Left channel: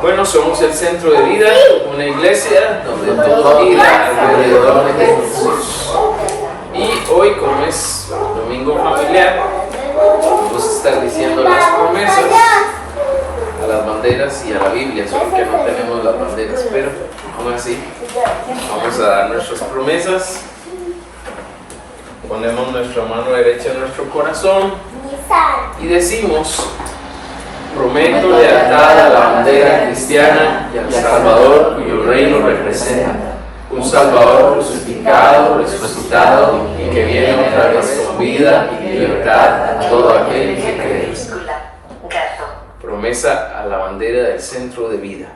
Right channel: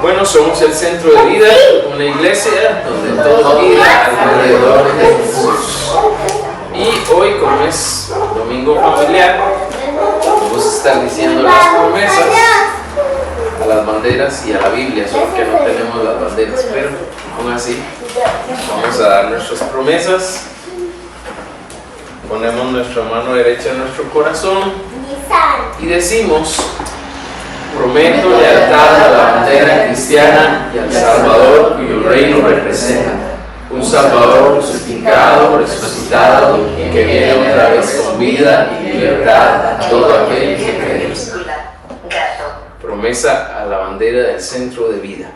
Bueno, somos el Centro de Vida, una iglesia donde todo gira alrededor de Jesús. Y hoy, como es domingo familiar, vamos a estar diciendo las promesas a las banderas y a la Biblia, solo que no tenemos las banderas, pero aún así vamos a dar nuestras promesas. Ponemos nuestra mano derecha en nuestro corazón y decimos: prometo lealtad a la bandera cristiana y al Salvador cuyo reino representa, un Salvador crucificado, resucitado y que viene otra vez con vida y libertad a todo aquel que cree. Promesa a la bandera del Centro de Vida.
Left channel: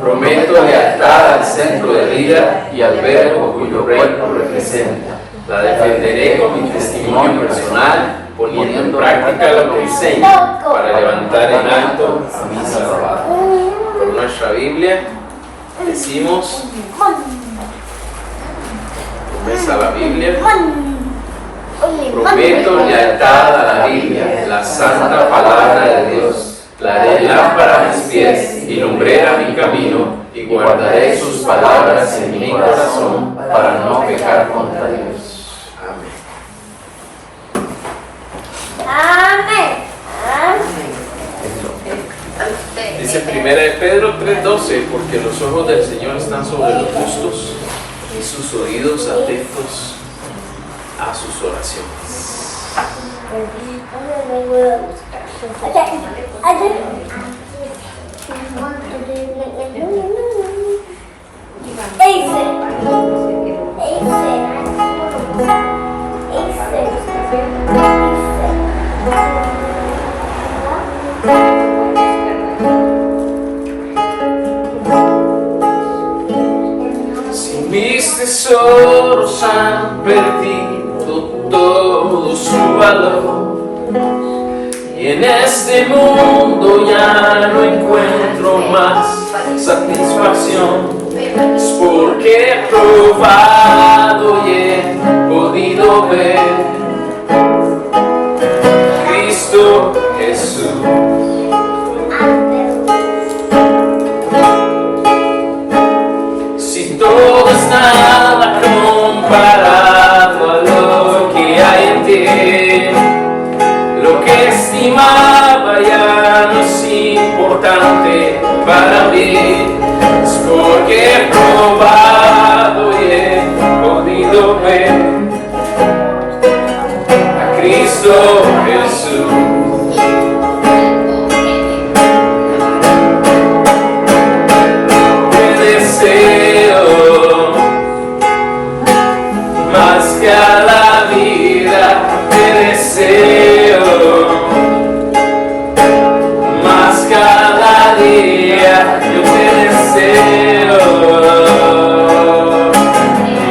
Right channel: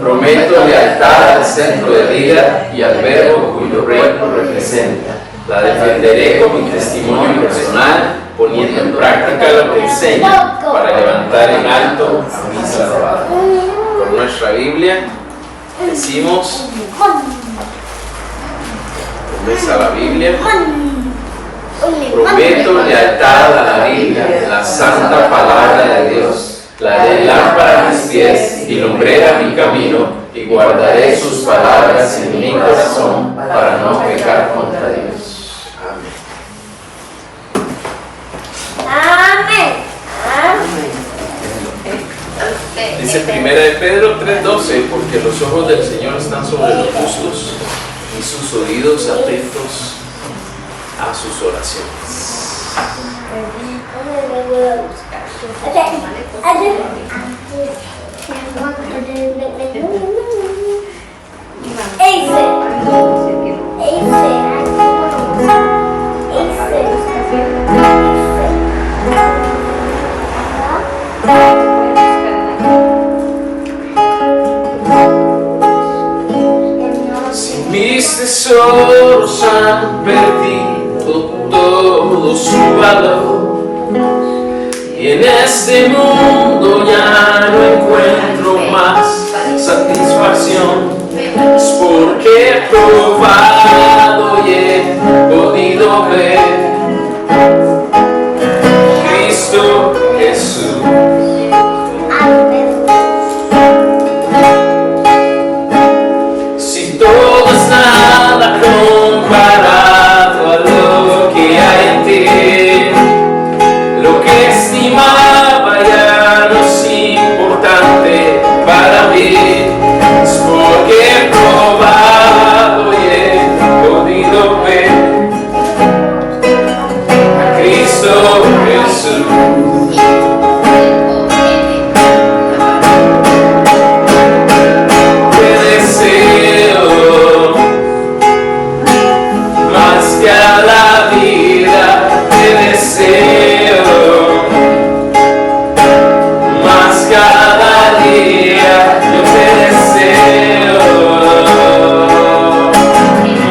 Prometo lealtad al Centro de Vida y al Verbo cuyo reino representa. La defenderé con mi testimonio personal, poniendo en práctica lo que enseño para levantar en alto a mi Salvador. Por nuestra Biblia decimos, promesa a la Biblia: prometo lealtad a la Biblia, la santa palabra de Dios. La haré lámpara a mis pies y lumbrera mi camino, y guardaré sus palabras en mi corazón para no pecar contra Dios. Amén. Amén. Dice 1 de Pedro 3:12, porque los ojos del Señor están sobre los justos y sus oídos atentos a sus oraciones. Si mis tesoros han perdido todo su valor y en este mundo ya no encuentro más satisfacción, es porque he probado y he podido ver Cristo Jesús. Si todo es nada comparado a lo que hay en ti, lo que estimaba ya no es importante para mí, es porque he probado y he podido ver a Cristo Jesús. Te deseo más que a la vida, te deseo más cada día, yo te deseo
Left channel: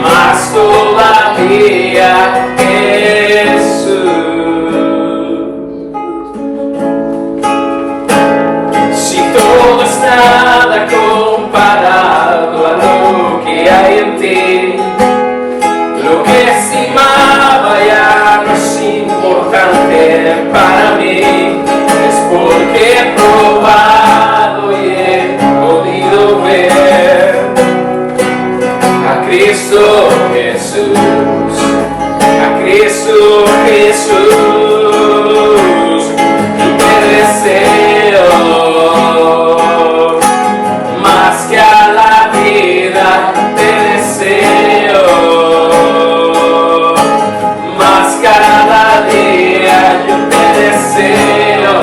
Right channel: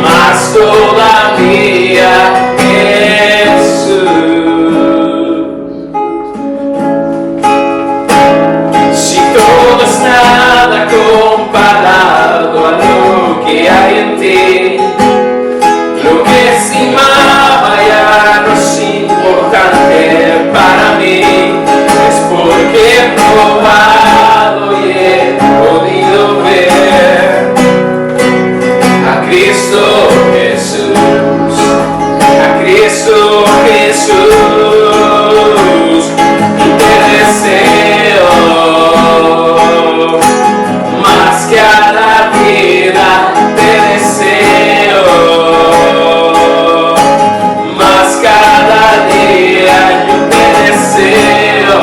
más todavía, Jesús. Si todo es nada comparado a lo que hay en ti, lo que estimaba ya no es importante para mí, es porque he probado y he podido ver a Cristo Jesús, a Cristo Jesús. Y te deseo más que a la vida, te deseo más cada día, yo te deseo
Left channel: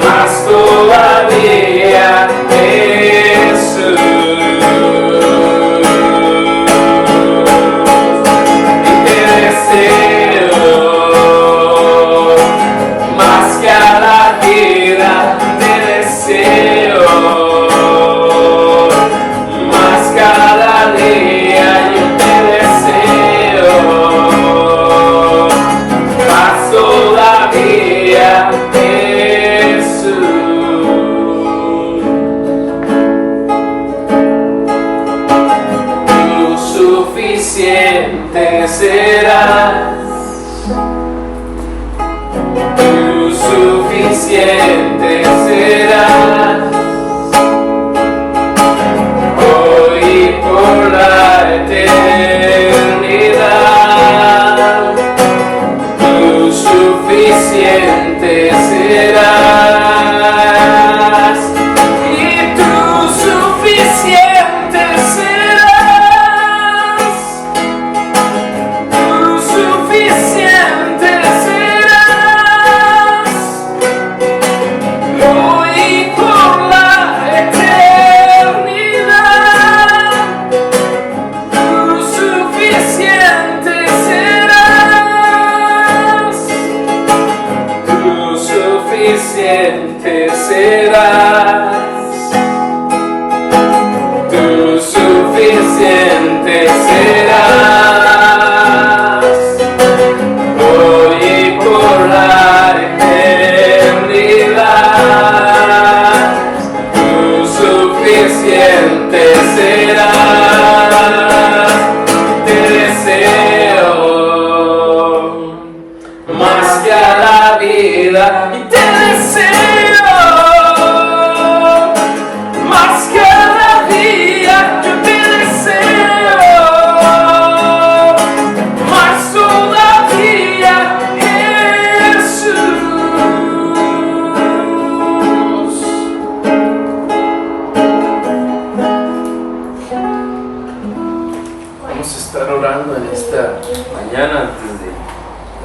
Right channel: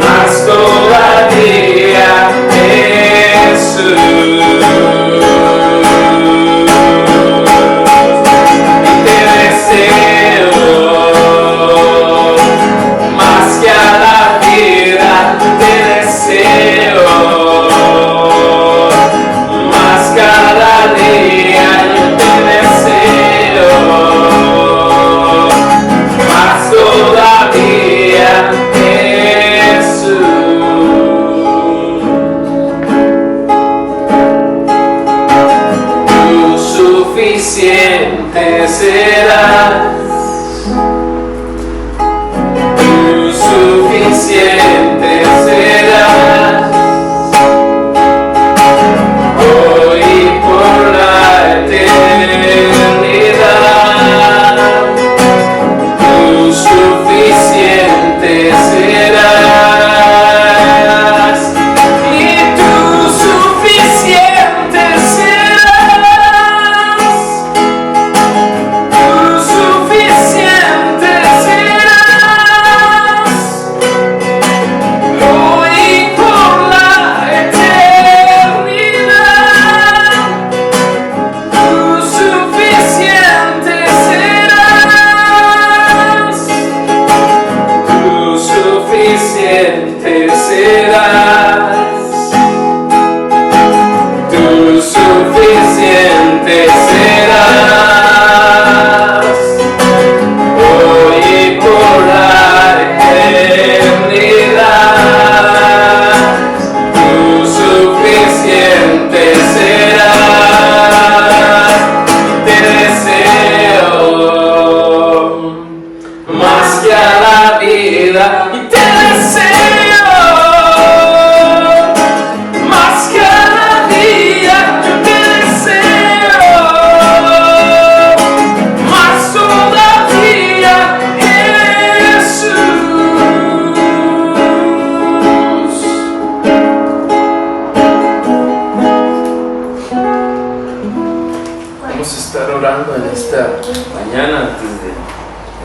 más todavía, Jesús. Y te deseo más que a la vida, te deseo más cada día, yo te deseo más todavía, Jesús. Tú suficiente serás, tú suficiente suficiente serás. Tú suficiente serás. Hoy y por la eternidad. Tú suficiente serás. Te deseo más que a la vida. Y te deseo más que a la vida. Yo te deseo más todavía, Jesús. Vamos a estar orando en esta mañana antes de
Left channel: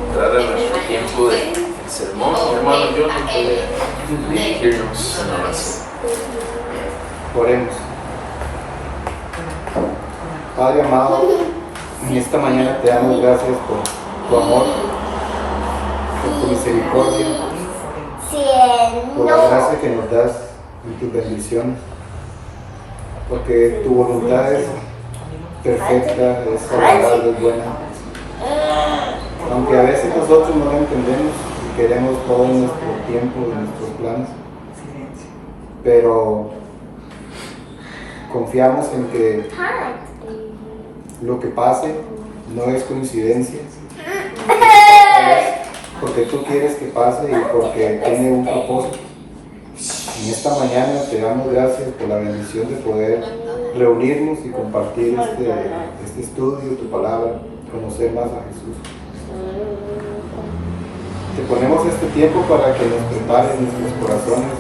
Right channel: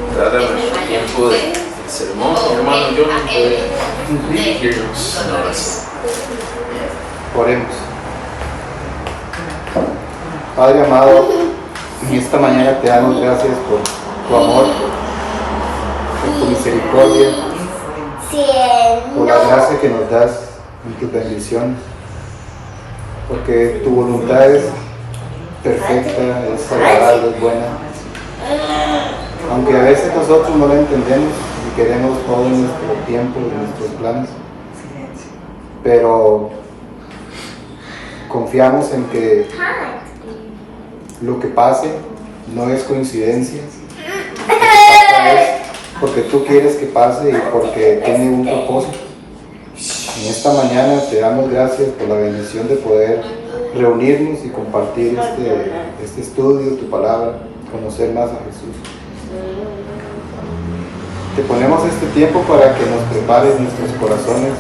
entrar a nuestro tiempo de sermón. Mi hermano Johnny puede dirigirnos en oración. Oremos. Padre amado, en esta mañana te damos gracias por tu amor, por tu misericordia, por la gracia que nos das en tus bendiciones, porque tu voluntad es perfecta, es agradable, es buena. Aunque a veces nosotros no la entendemos y queremos todo en nuestro tiempo y nuestros planes, pero confiamos en que lo que pase no es coincidencia, porque tú quieres que pase y porque tiene un propósito. En esta mañana te damos gracias por la bendición de poder reunirnos y compartir este estudio, tu palabra, conocer más a Jesús. Te ponemos este tiempo para que nos prepares nuestros corazones,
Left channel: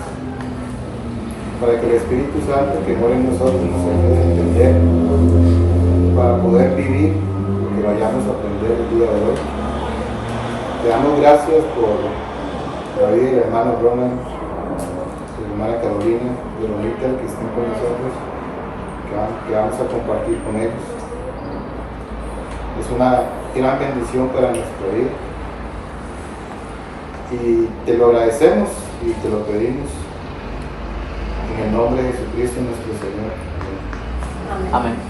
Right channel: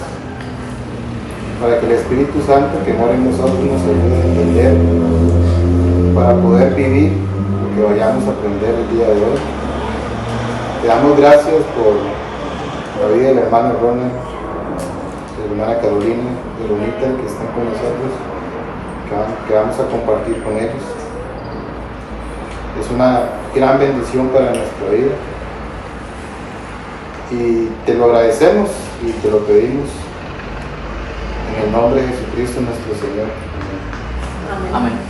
para que el Espíritu Santo que mora en nosotros nos ayude a entender, para poder vivir lo que vayamos a aprender el día de hoy. Te damos gracias por la vida del hermano Ronald, de la hermana Carolina, de Lolita, que están con nosotros, que vamos a compartir con ellos. Es una gran bendición para nuestra vida y te lo agradecemos y te lo pedimos en el nombre de Jesucristo nuestro Señor. Amén.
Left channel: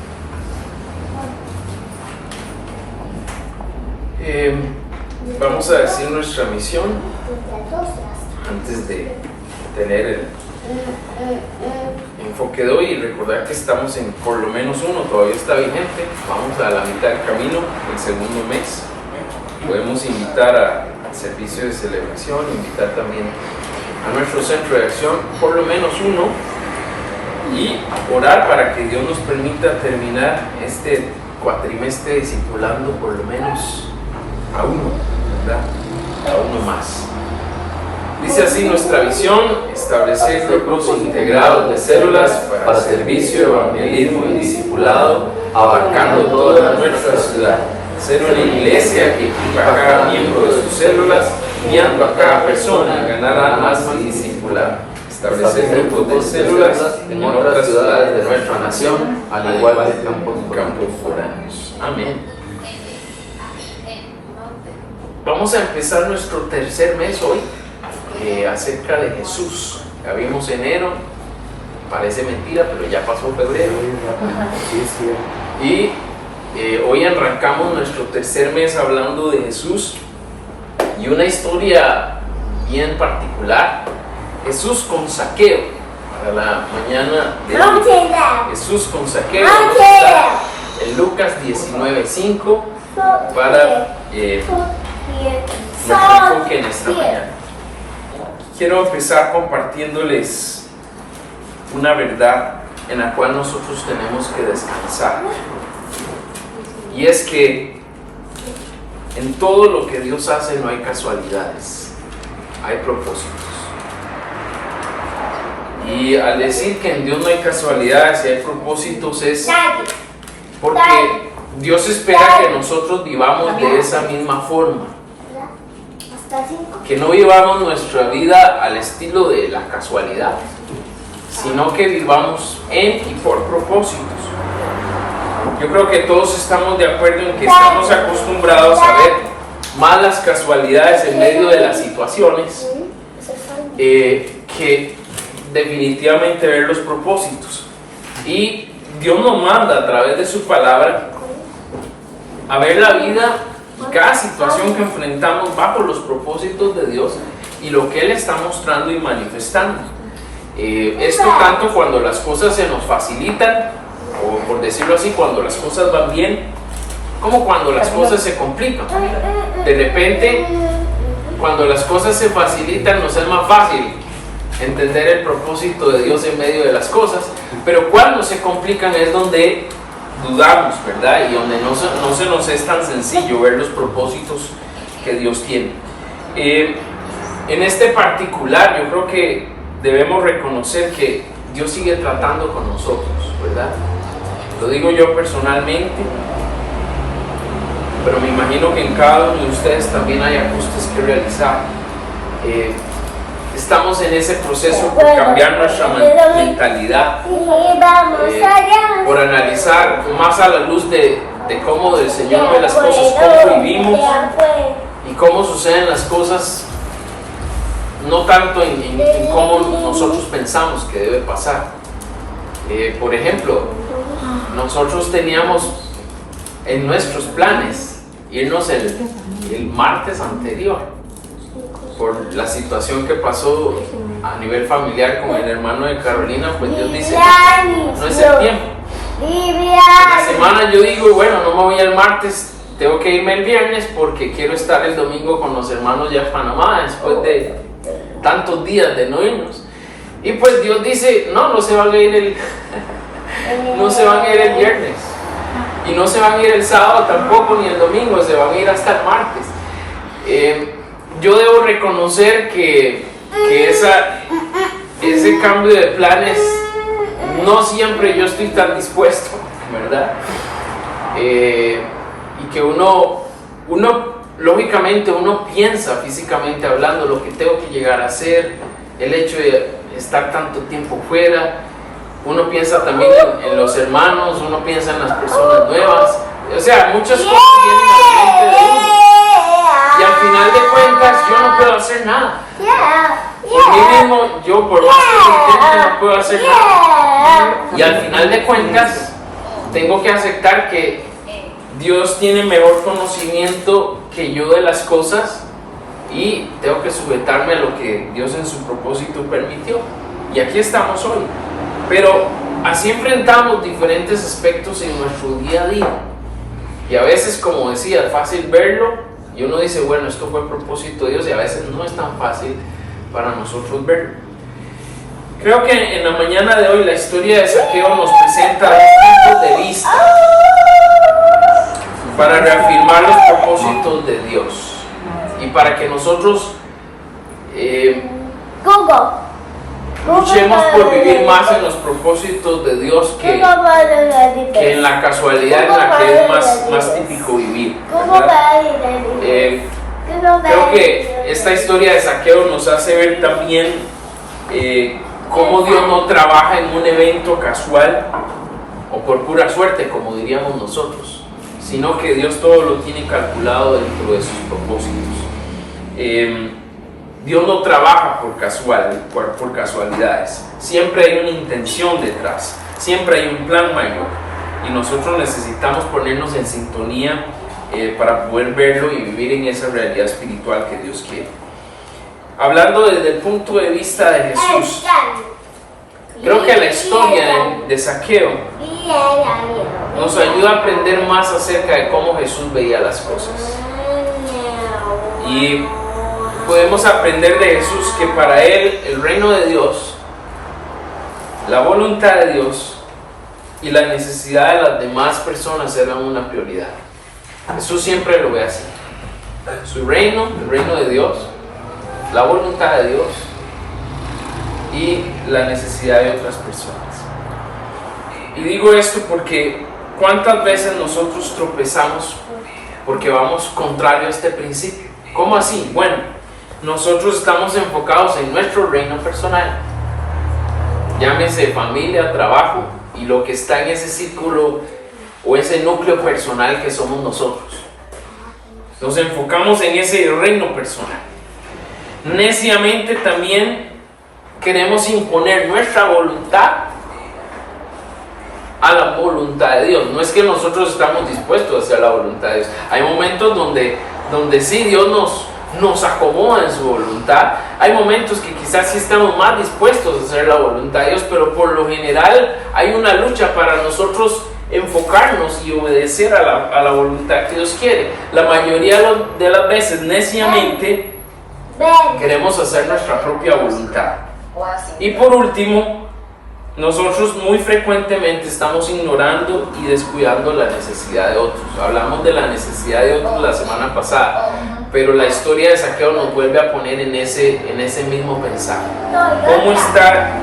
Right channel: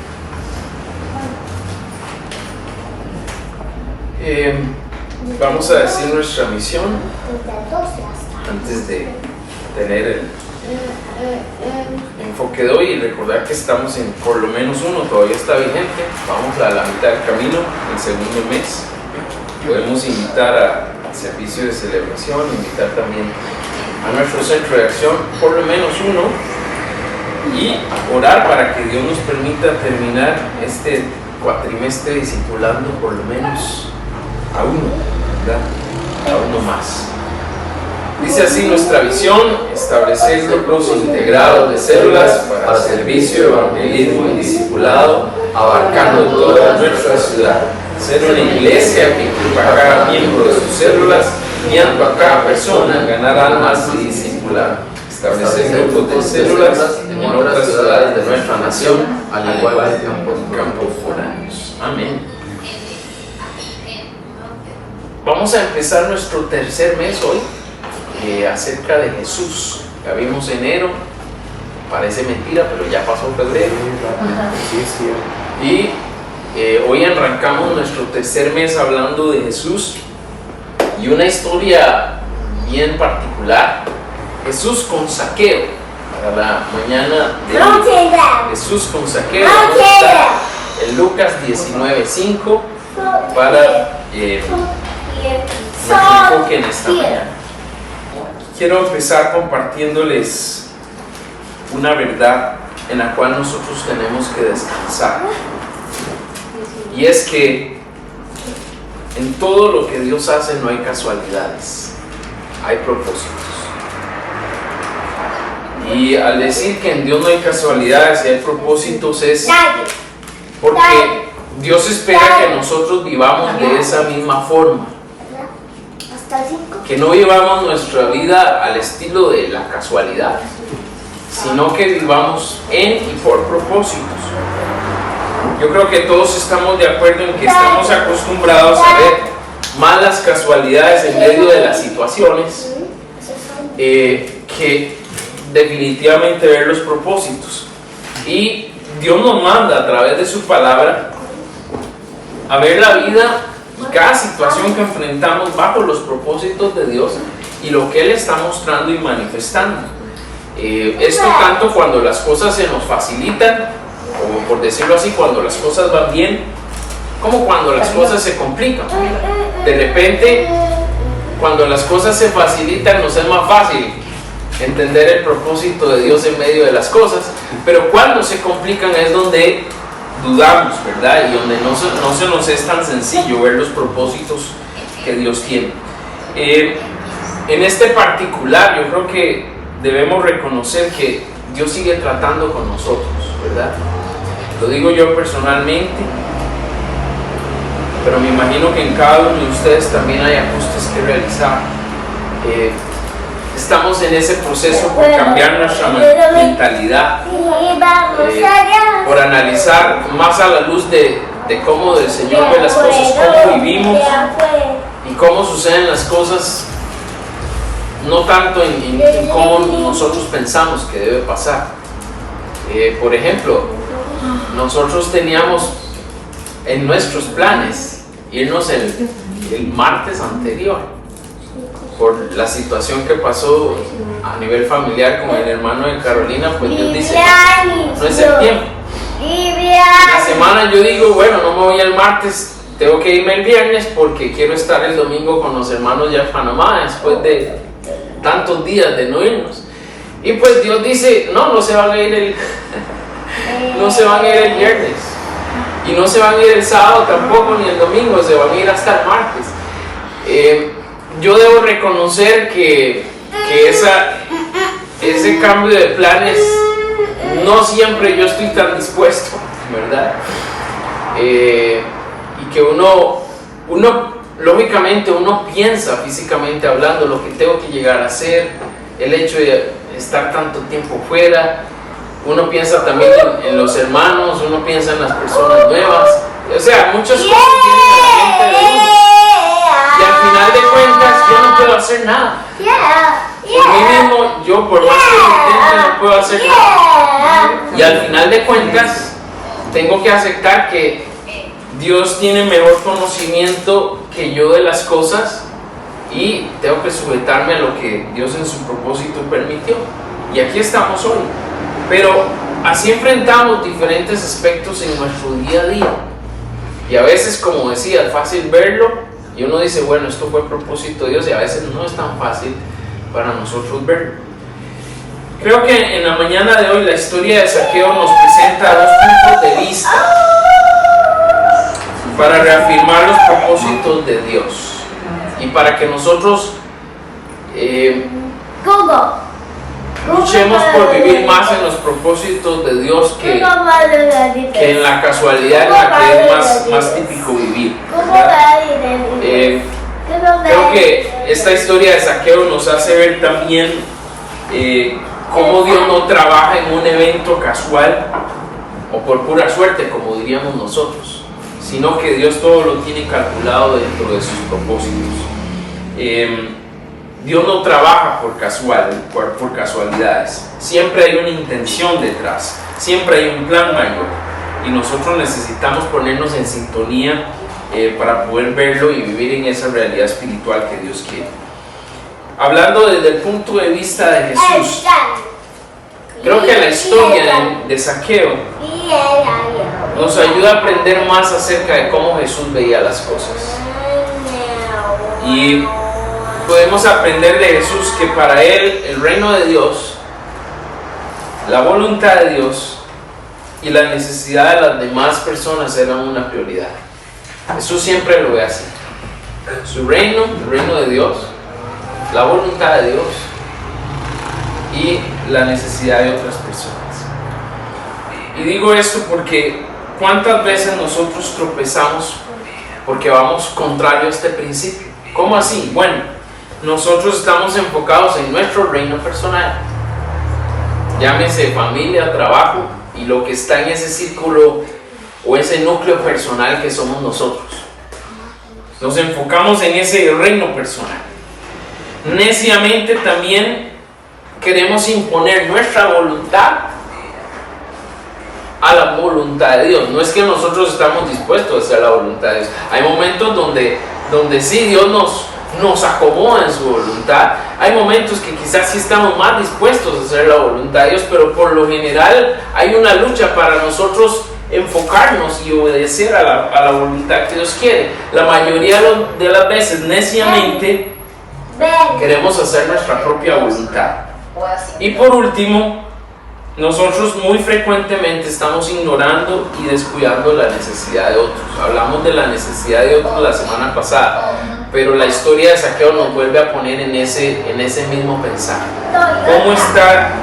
Vamos a decir nuestra misión antes de tener el enfoque de hoy y recordar que estamos en por lo menos uno, todavía está vigente. Vamos a la mitad del camino, el segundo mes. Podemos invitar al servicio de celebración, invitar también a nuestro centro de acción, por lo menos uno, y orar para que Dios nos permita terminar este cuatrimestre discipulando por lo menos a uno, ¿verdad? A uno más. Dice así nuestra visión: establecer grupos integrados de células para servicio, evangelismo y discipulado, abarcando toda nuestra ciudad. Ser una iglesia que equipa a cada miembro de sus células, guiando a cada persona a ganar almas y discipular. Establecer grupos de células en otras ciudades de nuestra nación, al igual que en campos foráneos. Amén. Vamos a empezar nuestro tercer mes hoy acerca de Jesús. Ya vimos enero, parece mentira, pero ya pasó febrero. Y hoy arrancamos nuestro tercer mes hablando de Jesús y una historia bien particular. Jesús con Zaqueo. Para la mañana de hoy, Jesús con Zaqueo. Vamos a estar en Lucas 19:5 para nuestro enfoque en esta mañana. Quiero empezar compartiéndoles una verdad en la cual nosotros tenemos que descansar. Y es que en todo lo que Dios hace no hay casualidades, hay propósitos. Y al decir que en Dios no hay casualidades y hay propósitos es porque Dios espera que nosotros vivamos de esa misma forma. Que no vivamos nuestra vida al estilo de la casualidad, sino que vivamos en y por propósitos. Yo creo que todos estamos de acuerdo en que estamos acostumbrados a ver malas casualidades en medio de las situaciones que definitivamente ver los propósitos. Y Dios nos manda a través de su palabra a ver la vida y cada situación que enfrentamos bajo los propósitos de Dios y lo que Él está mostrando y manifestando. Esto tanto cuando las cosas se nos facilitan, o por decirlo así, cuando las cosas van bien, como cuando las cosas se complican. De repente, cuando las cosas se facilitan, nos es más fácil entender el propósito de Dios en medio de las cosas, pero cuando se complican es donde dudamos, ¿verdad? Y donde no se nos es tan sencillo ver los propósitos que Dios tiene. En este particular, yo creo que debemos reconocer que Dios sigue tratando con nosotros, ¿verdad? Lo digo yo personalmente, pero me imagino que en cada uno de ustedes también hay ajustes que realizar. Estamos en ese proceso por cambiar nuestra mentalidad, por analizar más a la luz de cómo el Señor ve las cosas, cómo vivimos y cómo suceden las cosas, no tanto en cómo nosotros pensamos que debe pasar. Por ejemplo, nosotros teníamos en nuestros planes irnos el martes anterior. Por la situación que pasó a nivel familiar con el hermano de Carolina, pues Dios dice, no es el tiempo. La semana yo digo, bueno, no me voy el martes, tengo que irme el viernes porque quiero estar el domingo con los hermanos ya en Panamá, después de tantos días de no irnos. Y pues Dios dice, no se van a ir no se van a ir el viernes. Y no se van a ir el sábado tampoco, ni el domingo, se van a ir hasta el martes. Yo debo reconocer que ese cambio de planes, no siempre yo estoy tan dispuesto, ¿verdad? Y que uno lógicamente uno piensa físicamente hablando lo que tengo que llegar a hacer, el hecho de estar tanto tiempo fuera, uno piensa también en los hermanos, uno piensa en las personas nuevas, o sea, muchas cosas vienen a la mente de uno. Y al final de cuentas yo no puedo hacer nada. Por mí mismo, yo por más que lo intente no puedo hacer nada. Y al final de cuentas tengo que aceptar que Dios tiene mejor conocimiento que yo de las cosas y tengo que sujetarme a lo que Dios en su propósito permitió. Y aquí estamos hoy. Pero así enfrentamos diferentes aspectos en nuestro día a día. Y a veces, como decía, es fácil verlo. Y uno dice, bueno, esto fue propósito de Dios, y a veces no es tan fácil para nosotros verlo. Creo que en la mañana de hoy la historia de Zaqueo nos presenta dos puntos de vista para reafirmar los propósitos de Dios y para que nosotros luchemos por vivir más en los propósitos de Dios que en la casualidad en la que es más típico vivir, ¿verdad? Creo que esta historia de Zaqueo nos hace ver también cómo Dios no trabaja en un evento casual o por pura suerte, como diríamos nosotros, sino que Dios todo lo tiene calculado dentro de sus propósitos. Dios no trabaja por casualidades, siempre hay una intención detrás, siempre hay un plan mayor y nosotros necesitamos ponernos en sintonía para poder verlo y vivir en esa realidad espiritual que Dios quiere. Hablando desde el punto de vista de Jesús, creo que la historia de Zaqueo nos ayuda a aprender más acerca de cómo Jesús veía las cosas. Y podemos aprender de Jesús que para Él el reino de Dios, la voluntad de Dios y la necesidad de las demás personas eran una prioridad. Jesús siempre lo ve así. Su reino, el reino de Dios, la voluntad de Dios y la necesidad de otras personas. Y digo esto porque ¿cuántas veces nosotros tropezamos porque vamos contrario a este principio? ¿Cómo así? Bueno, nosotros estamos enfocados en nuestro reino personal, llámese familia, trabajo y lo que está en ese círculo o ese núcleo personal que somos nosotros. Nos enfocamos en ese reino personal. Neciamente también queremos imponer nuestra voluntad a la voluntad de Dios. No es que nosotros estamos dispuestos a hacer la voluntad de Dios. Hay momentos donde sí Dios nos acomoda en su voluntad. Hay momentos que quizás sí estamos más dispuestos a hacer la voluntad de Dios, pero por lo general hay una lucha para nosotros enfocarnos y obedecer a la voluntad que Dios quiere. La mayoría de las veces neciamente queremos hacer nuestra propia voluntad. Y por último, nosotros muy frecuentemente estamos ignorando y descuidando la necesidad de otros. Hablamos de la necesidad de otros la semana pasada, pero la historia de Zaqueo nos vuelve a poner en ese mismo pensar. ¿Cómo está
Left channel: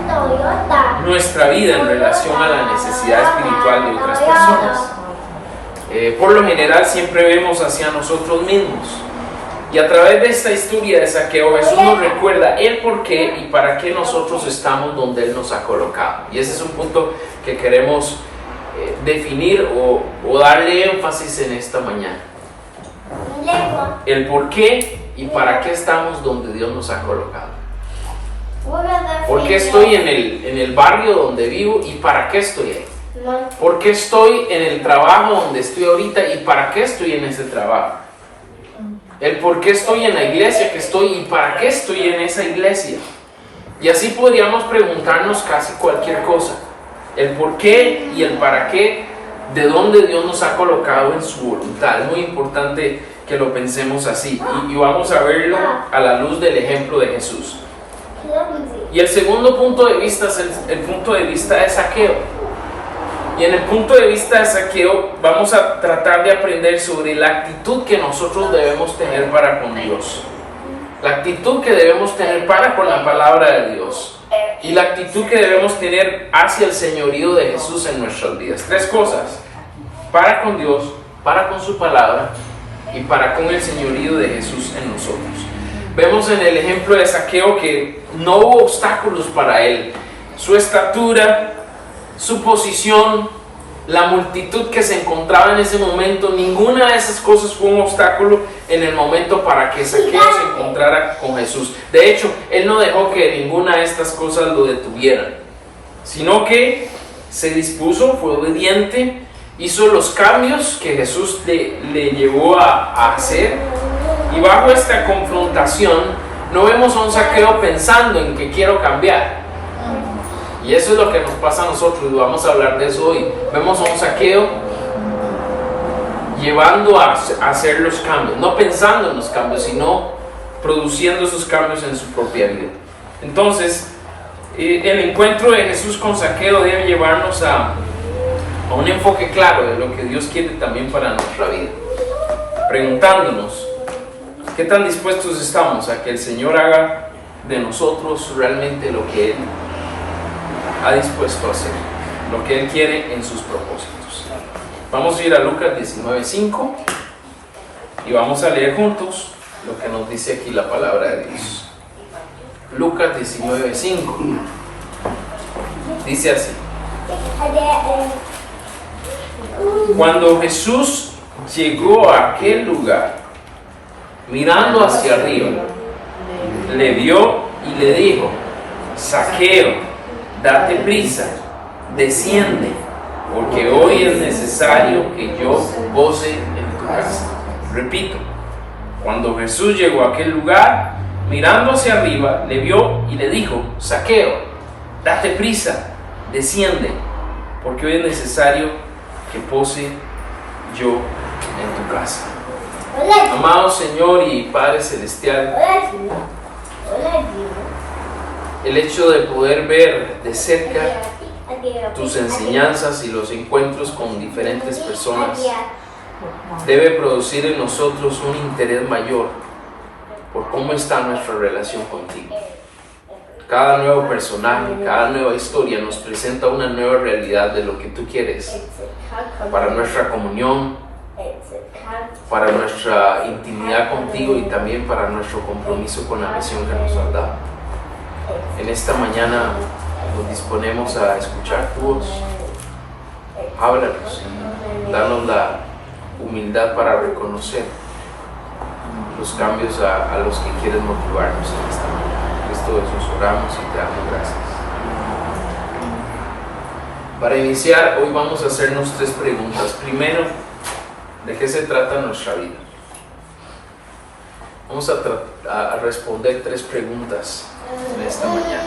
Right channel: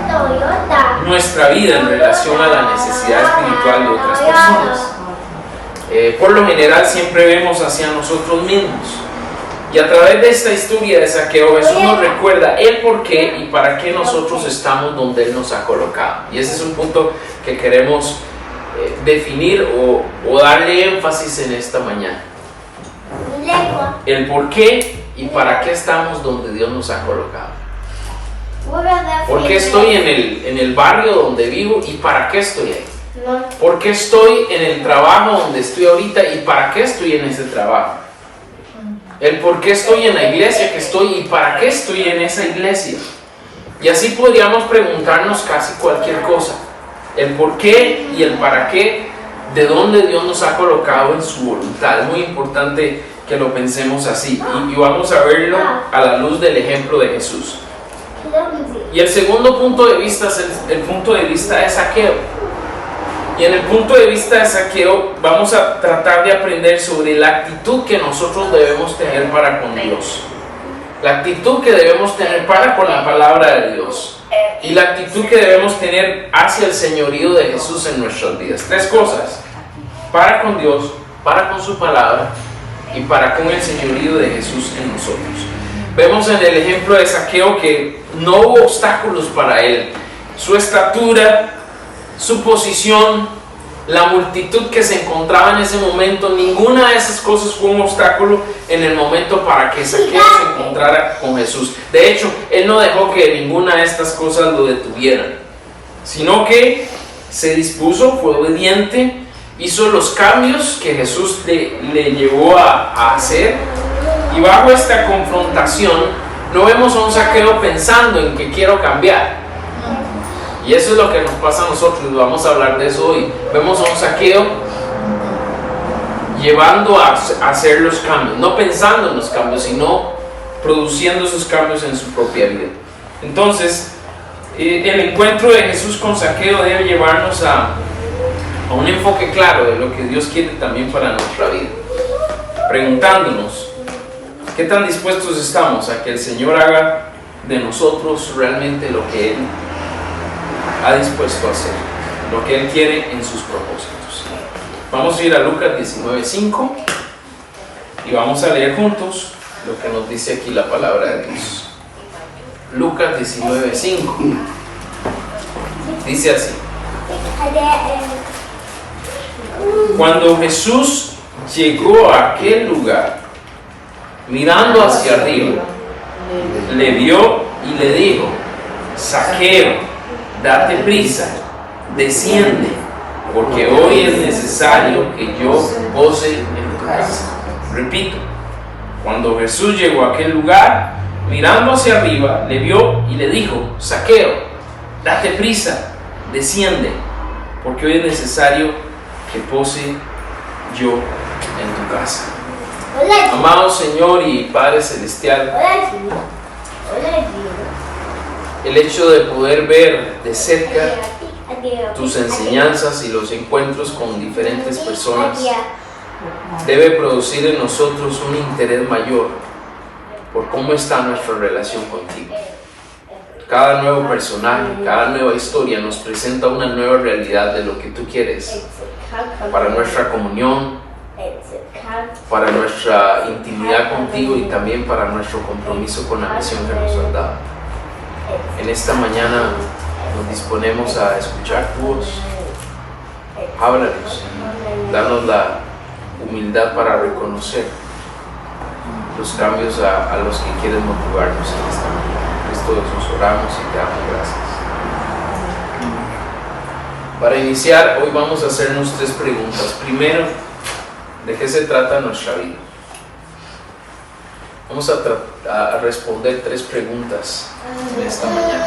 nuestra vida en relación a la necesidad espiritual de otras personas? Por lo general siempre vemos hacia nosotros mismos. Y a través de esta historia de Zaqueo, Jesús nos recuerda el por qué y para qué nosotros estamos donde Él nos ha colocado. Y ese es un punto que queremos definir o darle énfasis en esta mañana. El por qué y para qué estamos donde Dios nos ha colocado. ¿Por qué estoy en el barrio donde vivo y para qué estoy ahí? ¿Por qué estoy en el trabajo donde estoy ahorita y para qué estoy en ese trabajo? El por qué estoy en la iglesia que estoy y para qué estoy en esa iglesia. Y así podríamos preguntarnos casi cualquier cosa. El por qué y el para qué, de dónde Dios nos ha colocado en su voluntad. Es muy importante que lo pensemos así. Y vamos a verlo a la luz del ejemplo de Jesús. Y el segundo punto de vista es el punto de vista de Zaqueo. Y en el punto de vista de Zaqueo vamos a tratar de aprender sobre la actitud que nosotros debemos tener para con Dios. La actitud que debemos tener para con la palabra de Dios. Y la actitud que debemos tener hacia el señorío de Jesús en nuestras vidas. Tres cosas. Para con Dios, para con su palabra y para con el señorío de Jesús en nosotros. Vemos en el ejemplo de Zaqueo que no hubo obstáculos para él. Su estatura, su posición, la multitud que se encontraba en ese momento, ninguna de esas cosas fue un obstáculo en el momento para que Zaqueo se encontrara con Jesús. De hecho, él no dejó que ninguna de estas cosas lo detuvieran, sino que se dispuso, fue obediente, hizo los cambios que Jesús le llevó a hacer. Y bajo esta confrontación no vemos a un Zaqueo pensando en que quiero cambiar. Y eso es lo que nos pasa a nosotros, vamos a hablar de eso hoy. Vemos a un Zaqueo llevando a hacer los cambios, no pensando en los cambios, sino produciendo esos cambios en su propia vida. Entonces, el encuentro de Jesús con Zaqueo debe llevarnos a un enfoque claro de lo que Dios quiere también para nuestra vida. Preguntándonos, ¿qué tan dispuestos estamos a que el Señor haga de nosotros realmente lo que Él ha dispuesto a hacer, lo que Él quiere en sus propósitos? Vamos a ir a Lucas 19:5 y vamos a leer juntos lo que nos dice aquí la palabra de Dios. Lucas 19:5 dice así: cuando Jesús llegó a aquel lugar, mirando hacia arriba, le vio y le dijo: Zaqueo, date prisa, desciende, porque hoy es necesario que yo pose en tu casa. Repito, cuando Jesús llegó a aquel lugar, mirando hacia arriba, le vio y le dijo: Zaqueo, date prisa, desciende, porque hoy es necesario que pose yo en tu casa. Amado Señor y Padre Celestial, el hecho de poder ver de cerca tus enseñanzas y los encuentros con diferentes personas debe producir en nosotros un interés mayor por cómo está nuestra relación contigo. Cada nuevo personaje, cada nueva historia nos presenta una nueva realidad de lo que tú quieres para nuestra comunión, para nuestra intimidad contigo y también para nuestro compromiso con la misión que nos has dado. En esta mañana nos disponemos a escuchar tu voz. Háblanos, danos la humildad para reconocer los cambios a los que quieres motivarnos en esta mañana. En Cristo todo eso oramos y te damos gracias. Para iniciar, hoy vamos a hacernos 3 preguntas. Primero, ¿de qué se trata nuestra vida? Vamos a responder 3 preguntas de esta mañana.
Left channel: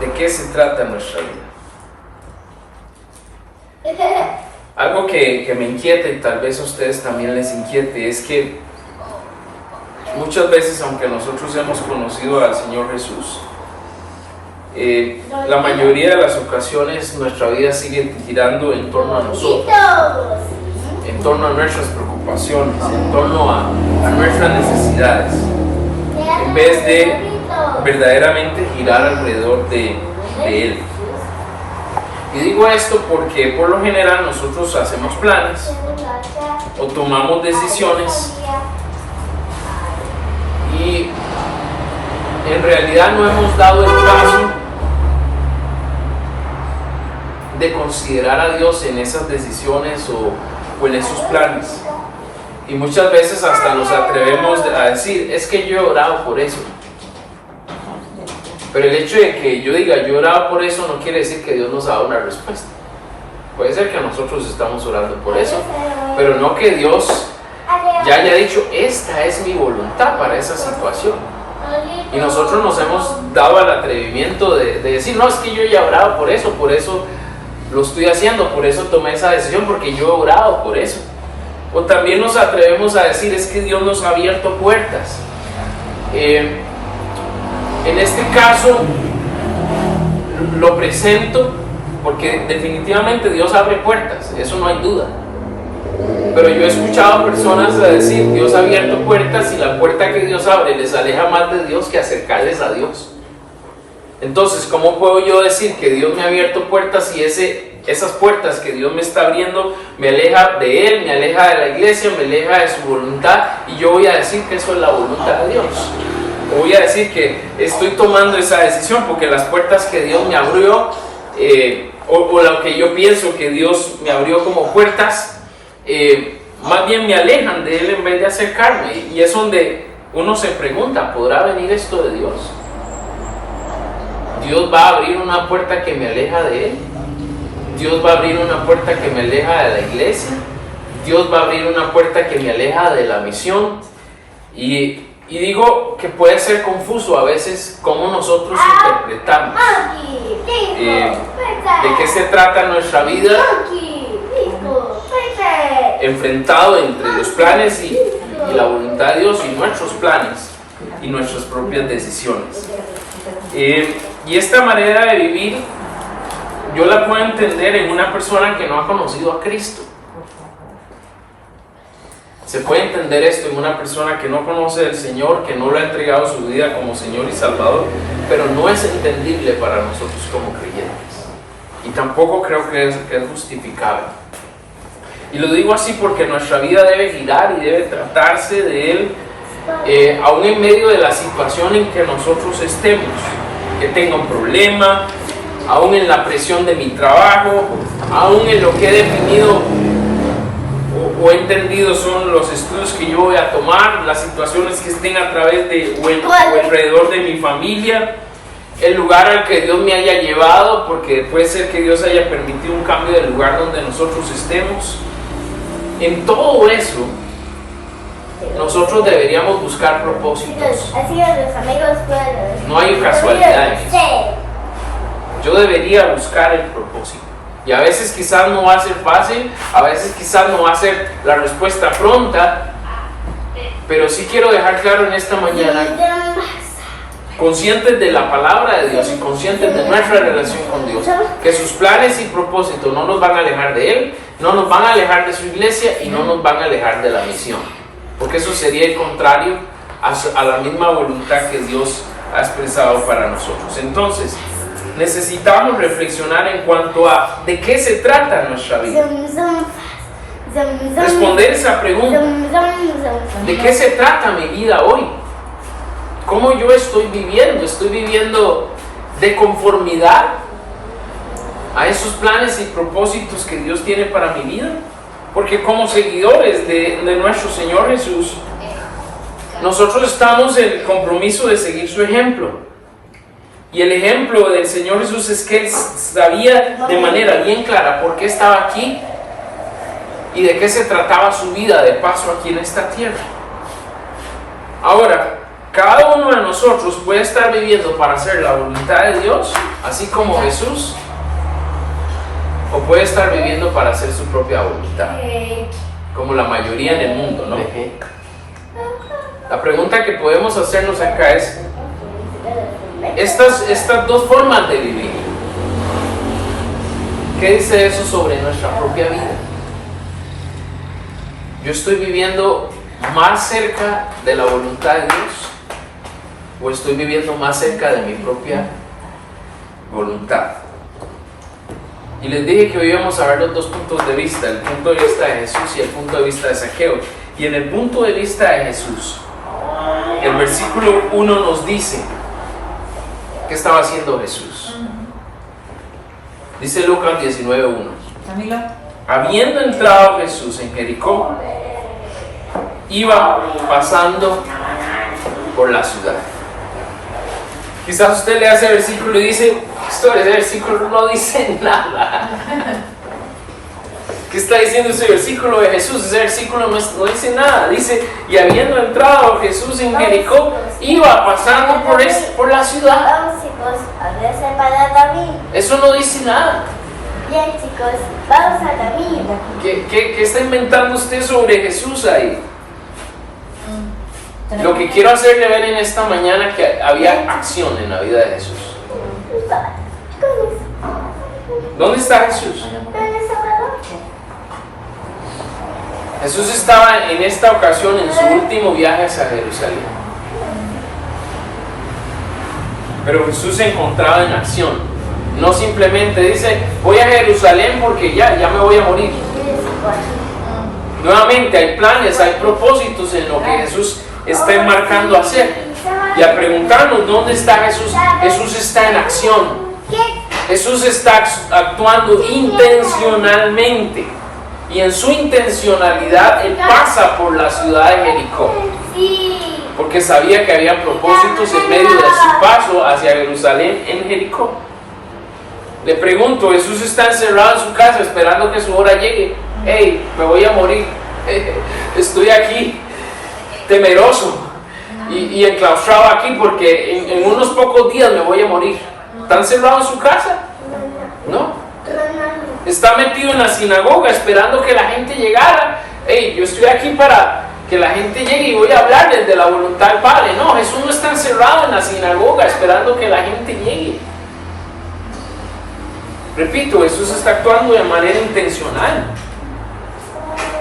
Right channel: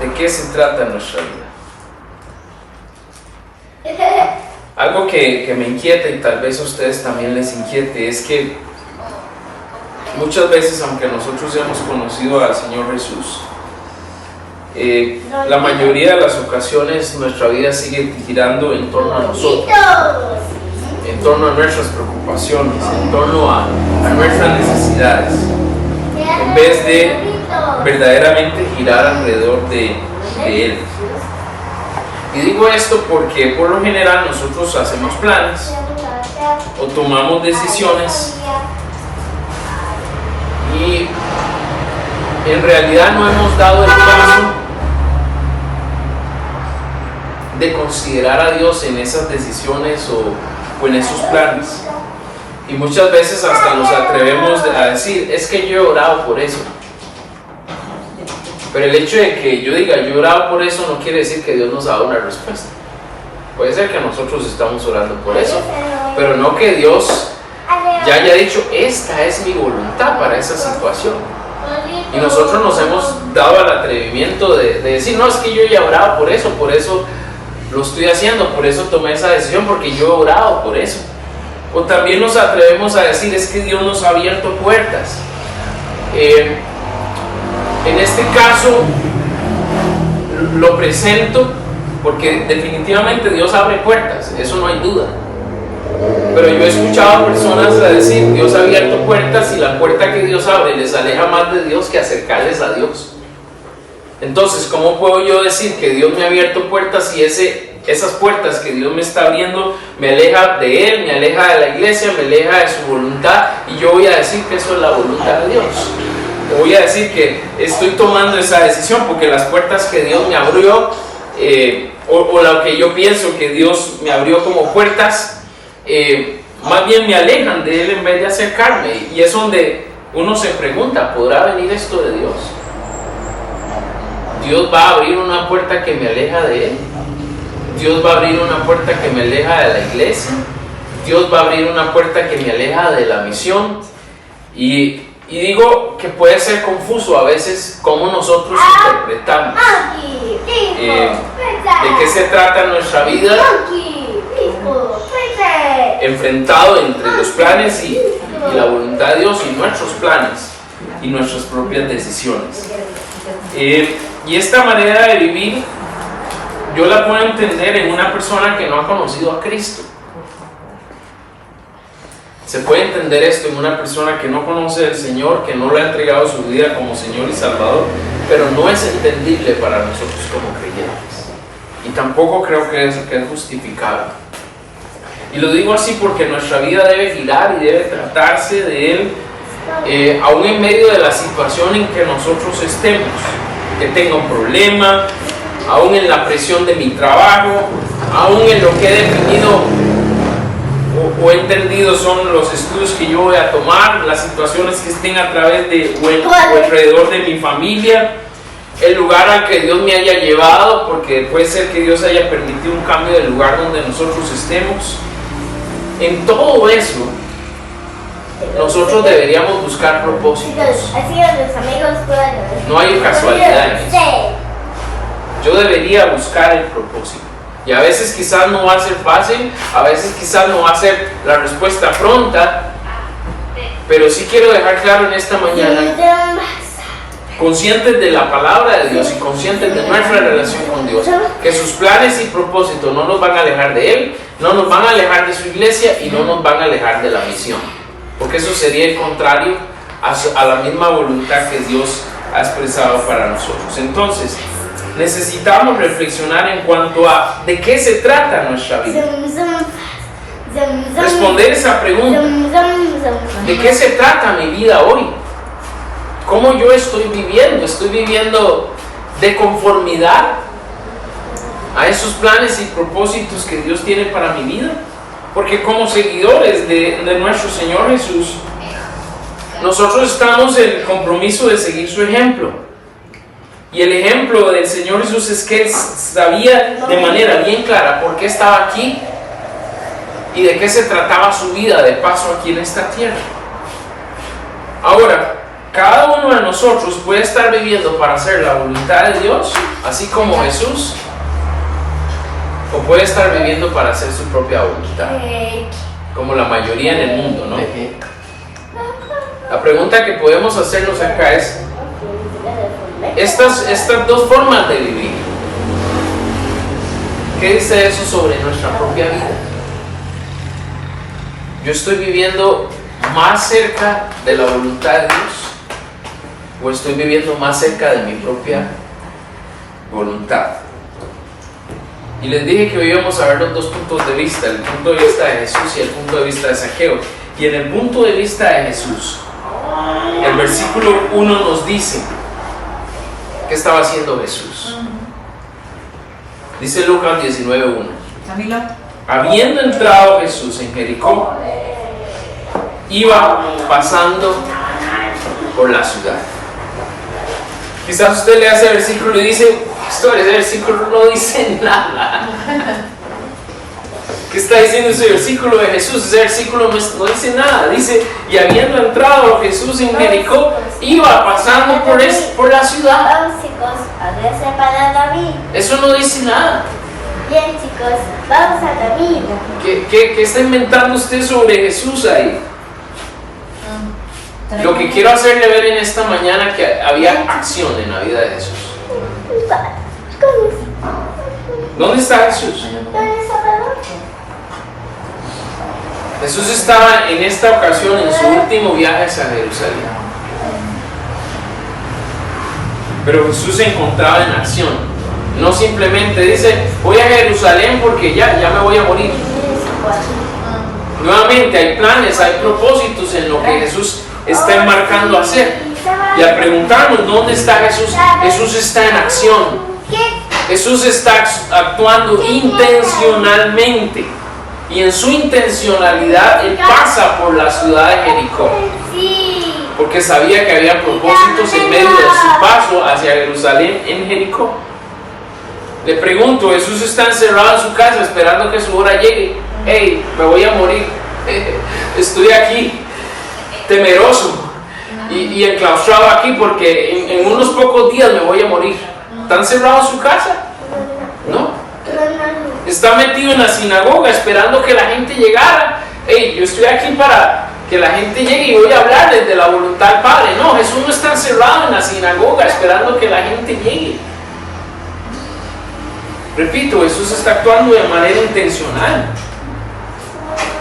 ¿De qué se trata nuestra vida? Algo que me inquieta y tal vez a ustedes también les inquiete es que muchas veces, aunque nosotros hemos conocido al Señor Jesús, la mayoría de las ocasiones nuestra vida sigue girando en torno a nosotros, en torno a nuestras preocupaciones, en torno a nuestras necesidades, en vez de verdaderamente girar alrededor de Él. Y digo esto porque por lo general nosotros hacemos planes o tomamos decisiones y en realidad no hemos dado el paso de considerar a Dios en esas decisiones o en esos planes. Y muchas veces hasta nos atrevemos a decir, es que yo he orado por eso. Pero el hecho de que yo diga, yo he orado por eso, no quiere decir que Dios nos ha dado una respuesta. Puede ser que nosotros estamos orando por eso, pero no que Dios ya haya dicho, esta es mi voluntad para esa situación. Y nosotros nos hemos dado al atrevimiento de decir, no, es que yo ya he orado por eso lo estoy haciendo, por eso tomé esa decisión, porque yo he orado por eso. O también nos atrevemos a decir, es que Dios nos ha abierto puertas. En este caso, lo presento porque definitivamente Dios abre puertas, eso no hay duda. Pero yo he escuchado a personas a decir, Dios ha abierto puertas y la puerta que Dios abre les aleja más de Dios que acercarles a Dios. Entonces, ¿cómo puedo yo decir que Dios me ha abierto puertas si esas puertas que Dios me está abriendo me aleja de Él, me aleja de la iglesia, me aleja de su voluntad? Y yo voy a decir que eso es la voluntad de Dios. Voy a decir que estoy tomando esa decisión porque las puertas que Dios me abrió, o lo que yo pienso que Dios me abrió como puertas, más bien me alejan de Él en vez de acercarme. Y es donde uno se pregunta, ¿podrá venir esto de Dios? ¿Dios va a abrir una puerta que me aleja de Él? ¿Dios va a abrir una puerta que me aleja de la iglesia? ¿Dios va a abrir una puerta que me aleja de la misión? Y digo que puede ser confuso a veces cómo nosotros interpretamos de qué se trata nuestra vida enfrentado entre los planes y la voluntad de Dios y nuestros planes y nuestras propias decisiones. Y esta manera de vivir yo la puedo entender en una persona que no ha conocido a Cristo. Se puede entender esto en una persona que no conoce al Señor, que no le ha entregado su vida como Señor y Salvador, pero no es entendible para nosotros como creyentes. Y tampoco creo que es justificable. Y lo digo así porque nuestra vida debe girar y debe tratarse de Él, aún en medio de la situación en que nosotros estemos, que tenga un problema, aún en la presión de mi trabajo, aún en lo que he definido o he entendido son los estudios que yo voy a tomar, las situaciones que estén a través de o alrededor de mi familia, el lugar al que Dios me haya llevado, porque puede ser que Dios haya permitido un cambio del lugar donde nosotros estemos. En todo eso, nosotros deberíamos buscar propósitos. No hay casualidad en eso. Yo debería buscar el propósito. Y a veces quizás no va a ser fácil, a veces quizás no va a ser la respuesta pronta, pero sí quiero dejar claro en esta mañana, conscientes de la palabra de Dios y conscientes de nuestra relación con Dios, que sus planes y propósitos no nos van a alejar de Él, no nos van a alejar de su iglesia y no nos van a alejar de la misión, porque eso sería el contrario a la misma voluntad que Dios ha expresado para nosotros. Entonces, necesitamos reflexionar en cuanto a de qué se trata nuestra vida. Responder esa pregunta. ¿De qué se trata mi vida hoy? ¿Cómo yo estoy viviendo? ¿Estoy viviendo de conformidad a esos planes y propósitos que Dios tiene para mi vida? Porque como seguidores de nuestro Señor Jesús, nosotros estamos en el compromiso de seguir su ejemplo. Y el ejemplo del Señor Jesús es que Él sabía de manera bien clara por qué estaba aquí y de qué se trataba su vida de paso aquí en esta tierra. Ahora, cada uno de nosotros puede estar viviendo para hacer la voluntad de Dios, así como Jesús, o puede estar viviendo para hacer su propia voluntad, como la mayoría en el mundo, ¿no? La pregunta que podemos hacernos acá es, estas dos formas de vivir, ¿qué dice eso sobre nuestra propia vida? ¿Yo estoy viviendo más cerca de la voluntad de Dios o estoy viviendo más cerca de mi propia voluntad? Y les dije que hoy íbamos a ver los dos puntos de vista, el punto de vista de Jesús y el punto de vista de Zaqueo. Y en el punto de vista de Jesús, el versículo 1 nos dice ¿qué estaba haciendo Jesús? Dice Lucas 19:1. Habiendo entrado Jesús en Jericó, iba pasando por la ciudad. Quizás usted lea ese versículo y dice, ese versículo no dice nada. ¿Qué está diciendo ese versículo de Jesús? Ese versículo no dice nada. Dice, y habiendo entrado Jesús en Jericó, iba pasando por la ciudad. Vamos chicos, a veces para David. Eso no dice nada. Bien chicos, vamos a David. ¿Qué está inventando usted sobre Jesús ahí? Lo que quiero hacerle ver en esta mañana que había acción en la vida de Jesús. ¿Dónde está Jesús? Jesús estaba en esta ocasión en su último viaje hacia Jerusalén. Pero Jesús se encontraba en acción. No simplemente dice, voy a Jerusalén porque ya me voy a morir. Nuevamente hay planes, hay propósitos en lo que Jesús está enmarcando a hacer. Y al preguntarnos dónde está Jesús, Jesús está en acción. Jesús está actuando intencionalmente. Y en su intencionalidad Él pasa por la ciudad de Jericó. Porque sabía que había propósitos en medio de su paso hacia Jerusalén en Jericó. Le pregunto, Jesús está encerrado en su casa esperando que su hora llegue. Hey, me voy a morir. Estoy aquí temeroso y enclaustrado aquí porque en unos pocos días me voy a morir. ¿Está encerrado en su casa? No. Está metido en la sinagoga esperando que la gente llegara. Hey, yo estoy aquí para que la gente llegue y voy a hablarles de la voluntad del Padre. No, Jesús no está encerrado en la sinagoga esperando que la gente llegue. Repito, Jesús está actuando de manera intencional.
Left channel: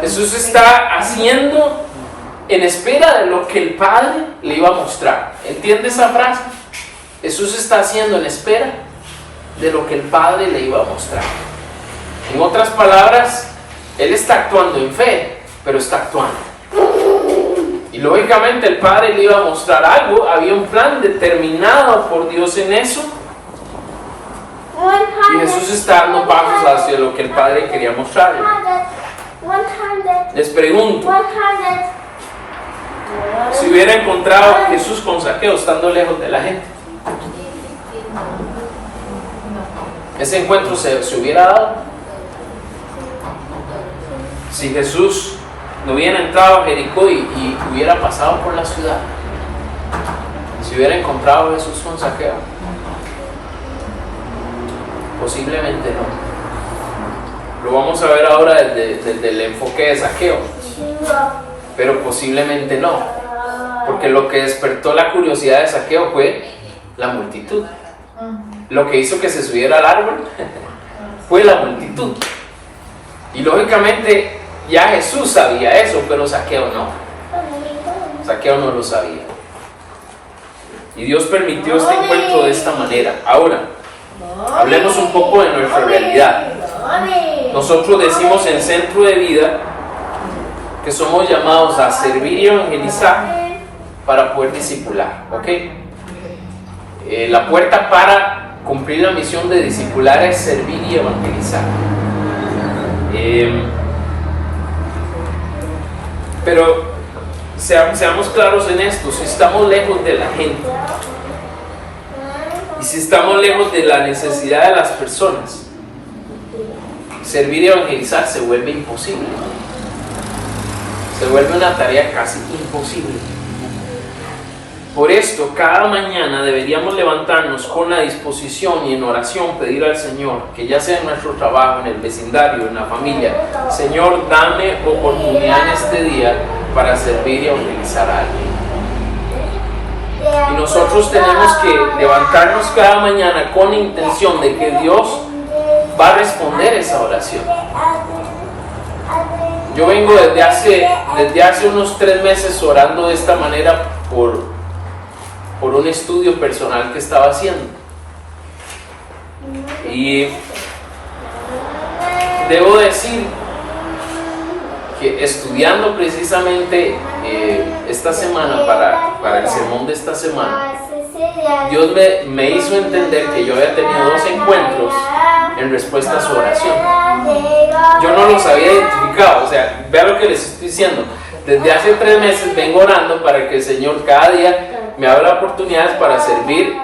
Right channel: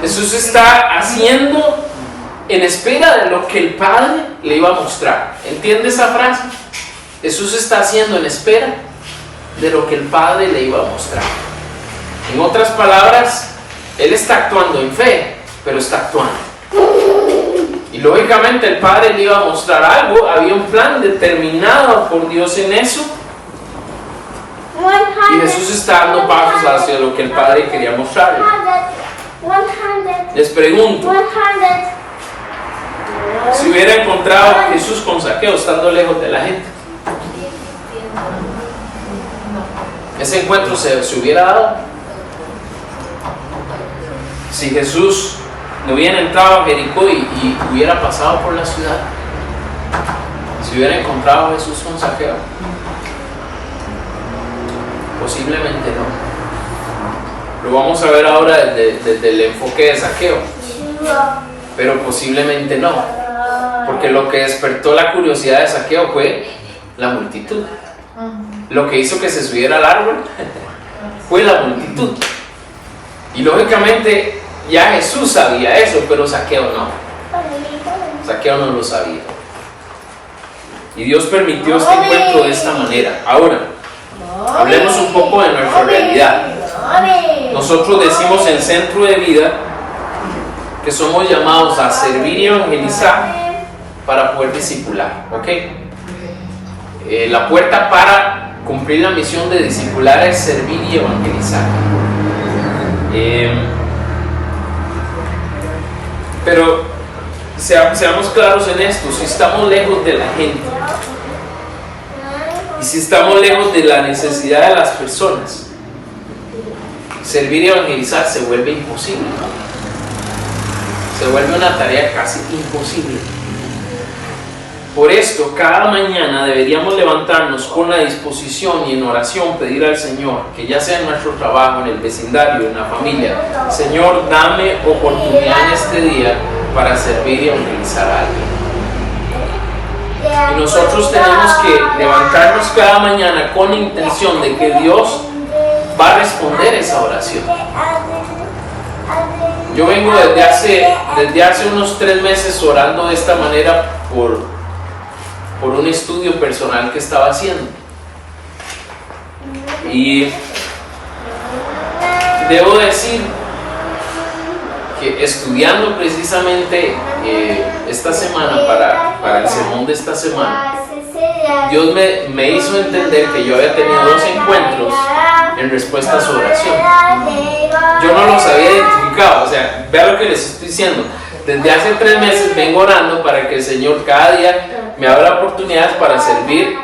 Jesús está haciendo en espera de lo que el Padre le iba a mostrar. ¿Entiende esa frase? Jesús está haciendo en espera de lo que el Padre le iba a mostrar. En otras palabras, Él está actuando en fe, pero está actuando. Y lógicamente el Padre le iba a mostrar algo, había un plan determinado por Dios en eso. Y Jesús está dando pasos hacia lo que el Padre quería mostrarle. Les pregunto, si hubiera encontrado a Jesús con Zaqueo estando lejos de la gente, ese encuentro se hubiera dado. Si Jesús no hubiera entrado a Jericó y hubiera pasado por la ciudad, si hubiera encontrado a Jesús con Zaqueo, posiblemente no. Lo vamos a ver ahora desde el enfoque de Zaqueo, pero posiblemente no, porque lo que despertó la curiosidad de Zaqueo fue la multitud. Lo que hizo que se subiera al árbol fue la multitud. Y lógicamente ya Jesús sabía eso, pero Zaqueo no. Zaqueo no lo sabía. Y Dios permitió este encuentro de esta manera. Ahora, hablemos un poco de nuestra realidad. Nosotros decimos en Centro de Vida que somos llamados a servir y evangelizar para poder discipular, ¿ok? La puerta para cumplir la misión de discipular es servir y evangelizar. Pero seamos claros en esto, si estamos lejos de la gente y si estamos lejos de la necesidad de las personas, servir y evangelizar se vuelve imposible. Se vuelve una tarea casi imposible. Por esto, cada mañana deberíamos levantarnos con la disposición y en oración pedir al Señor, que ya sea en nuestro trabajo, en el vecindario, en la familia, Señor, dame oportunidad en este día para servir y evangelizar a alguien. Y nosotros tenemos que levantarnos cada mañana con la intención de que Dios va a responder esa oración. Yo vengo desde hace unos 3 meses orando de esta manera por un estudio personal que estaba haciendo. Y debo decir que estudiando precisamente esta semana para el sermón de esta semana, Dios me hizo entender que yo había tenido 2 encuentros en respuesta a su oración. Yo no los había identificado, o sea, vea lo que les estoy diciendo. Desde hace 3 meses vengo orando para que el Señor cada día me abra oportunidades para servir